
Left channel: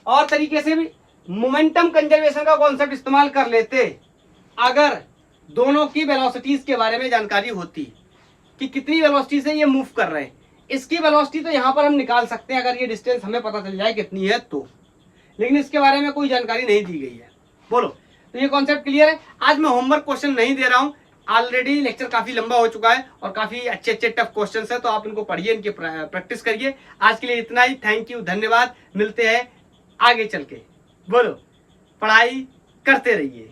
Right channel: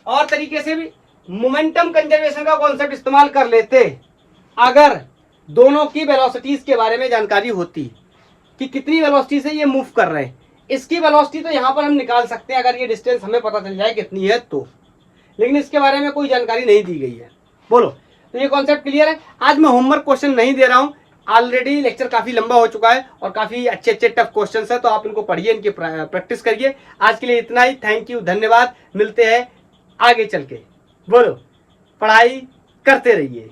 और तरीके से भी मोमेंटम कंजर्वेशन का कॉन्सेप्ट इस्तेमाल कर लेते अगर दोनों की वेलोसिटीज के बारे में जानकारी होती कि कितनी वेलोसिटी से ये मूव कर रहे हैं। इसकी वेलोसिटी तो यहां पर हम निकाल सकते हैं अगर ये डिस्टेंस हमें पता चल जाए कितनी है तो, लेकिन इसके बारे में कोई जानकारी नहीं दी गई है। बोलो, तो ये कॉन्सेप्ट क्लियर है? आज मैं होमवर्क क्वेश्चन नहीं दे रहा हूं, ऑलरेडी लेक्चर काफी लंबा हो चुका है और काफी अच्छे अच्छे टफ क्वेश्चन है, तो आप इनको पढ़िए, इनकी प्रैक्टिस करिए। आज के लिए इतना ही, थैंक यू, धन्यवाद, मिलते हैं आगे चल के। बोलो, पढ़ाई करते रहिए।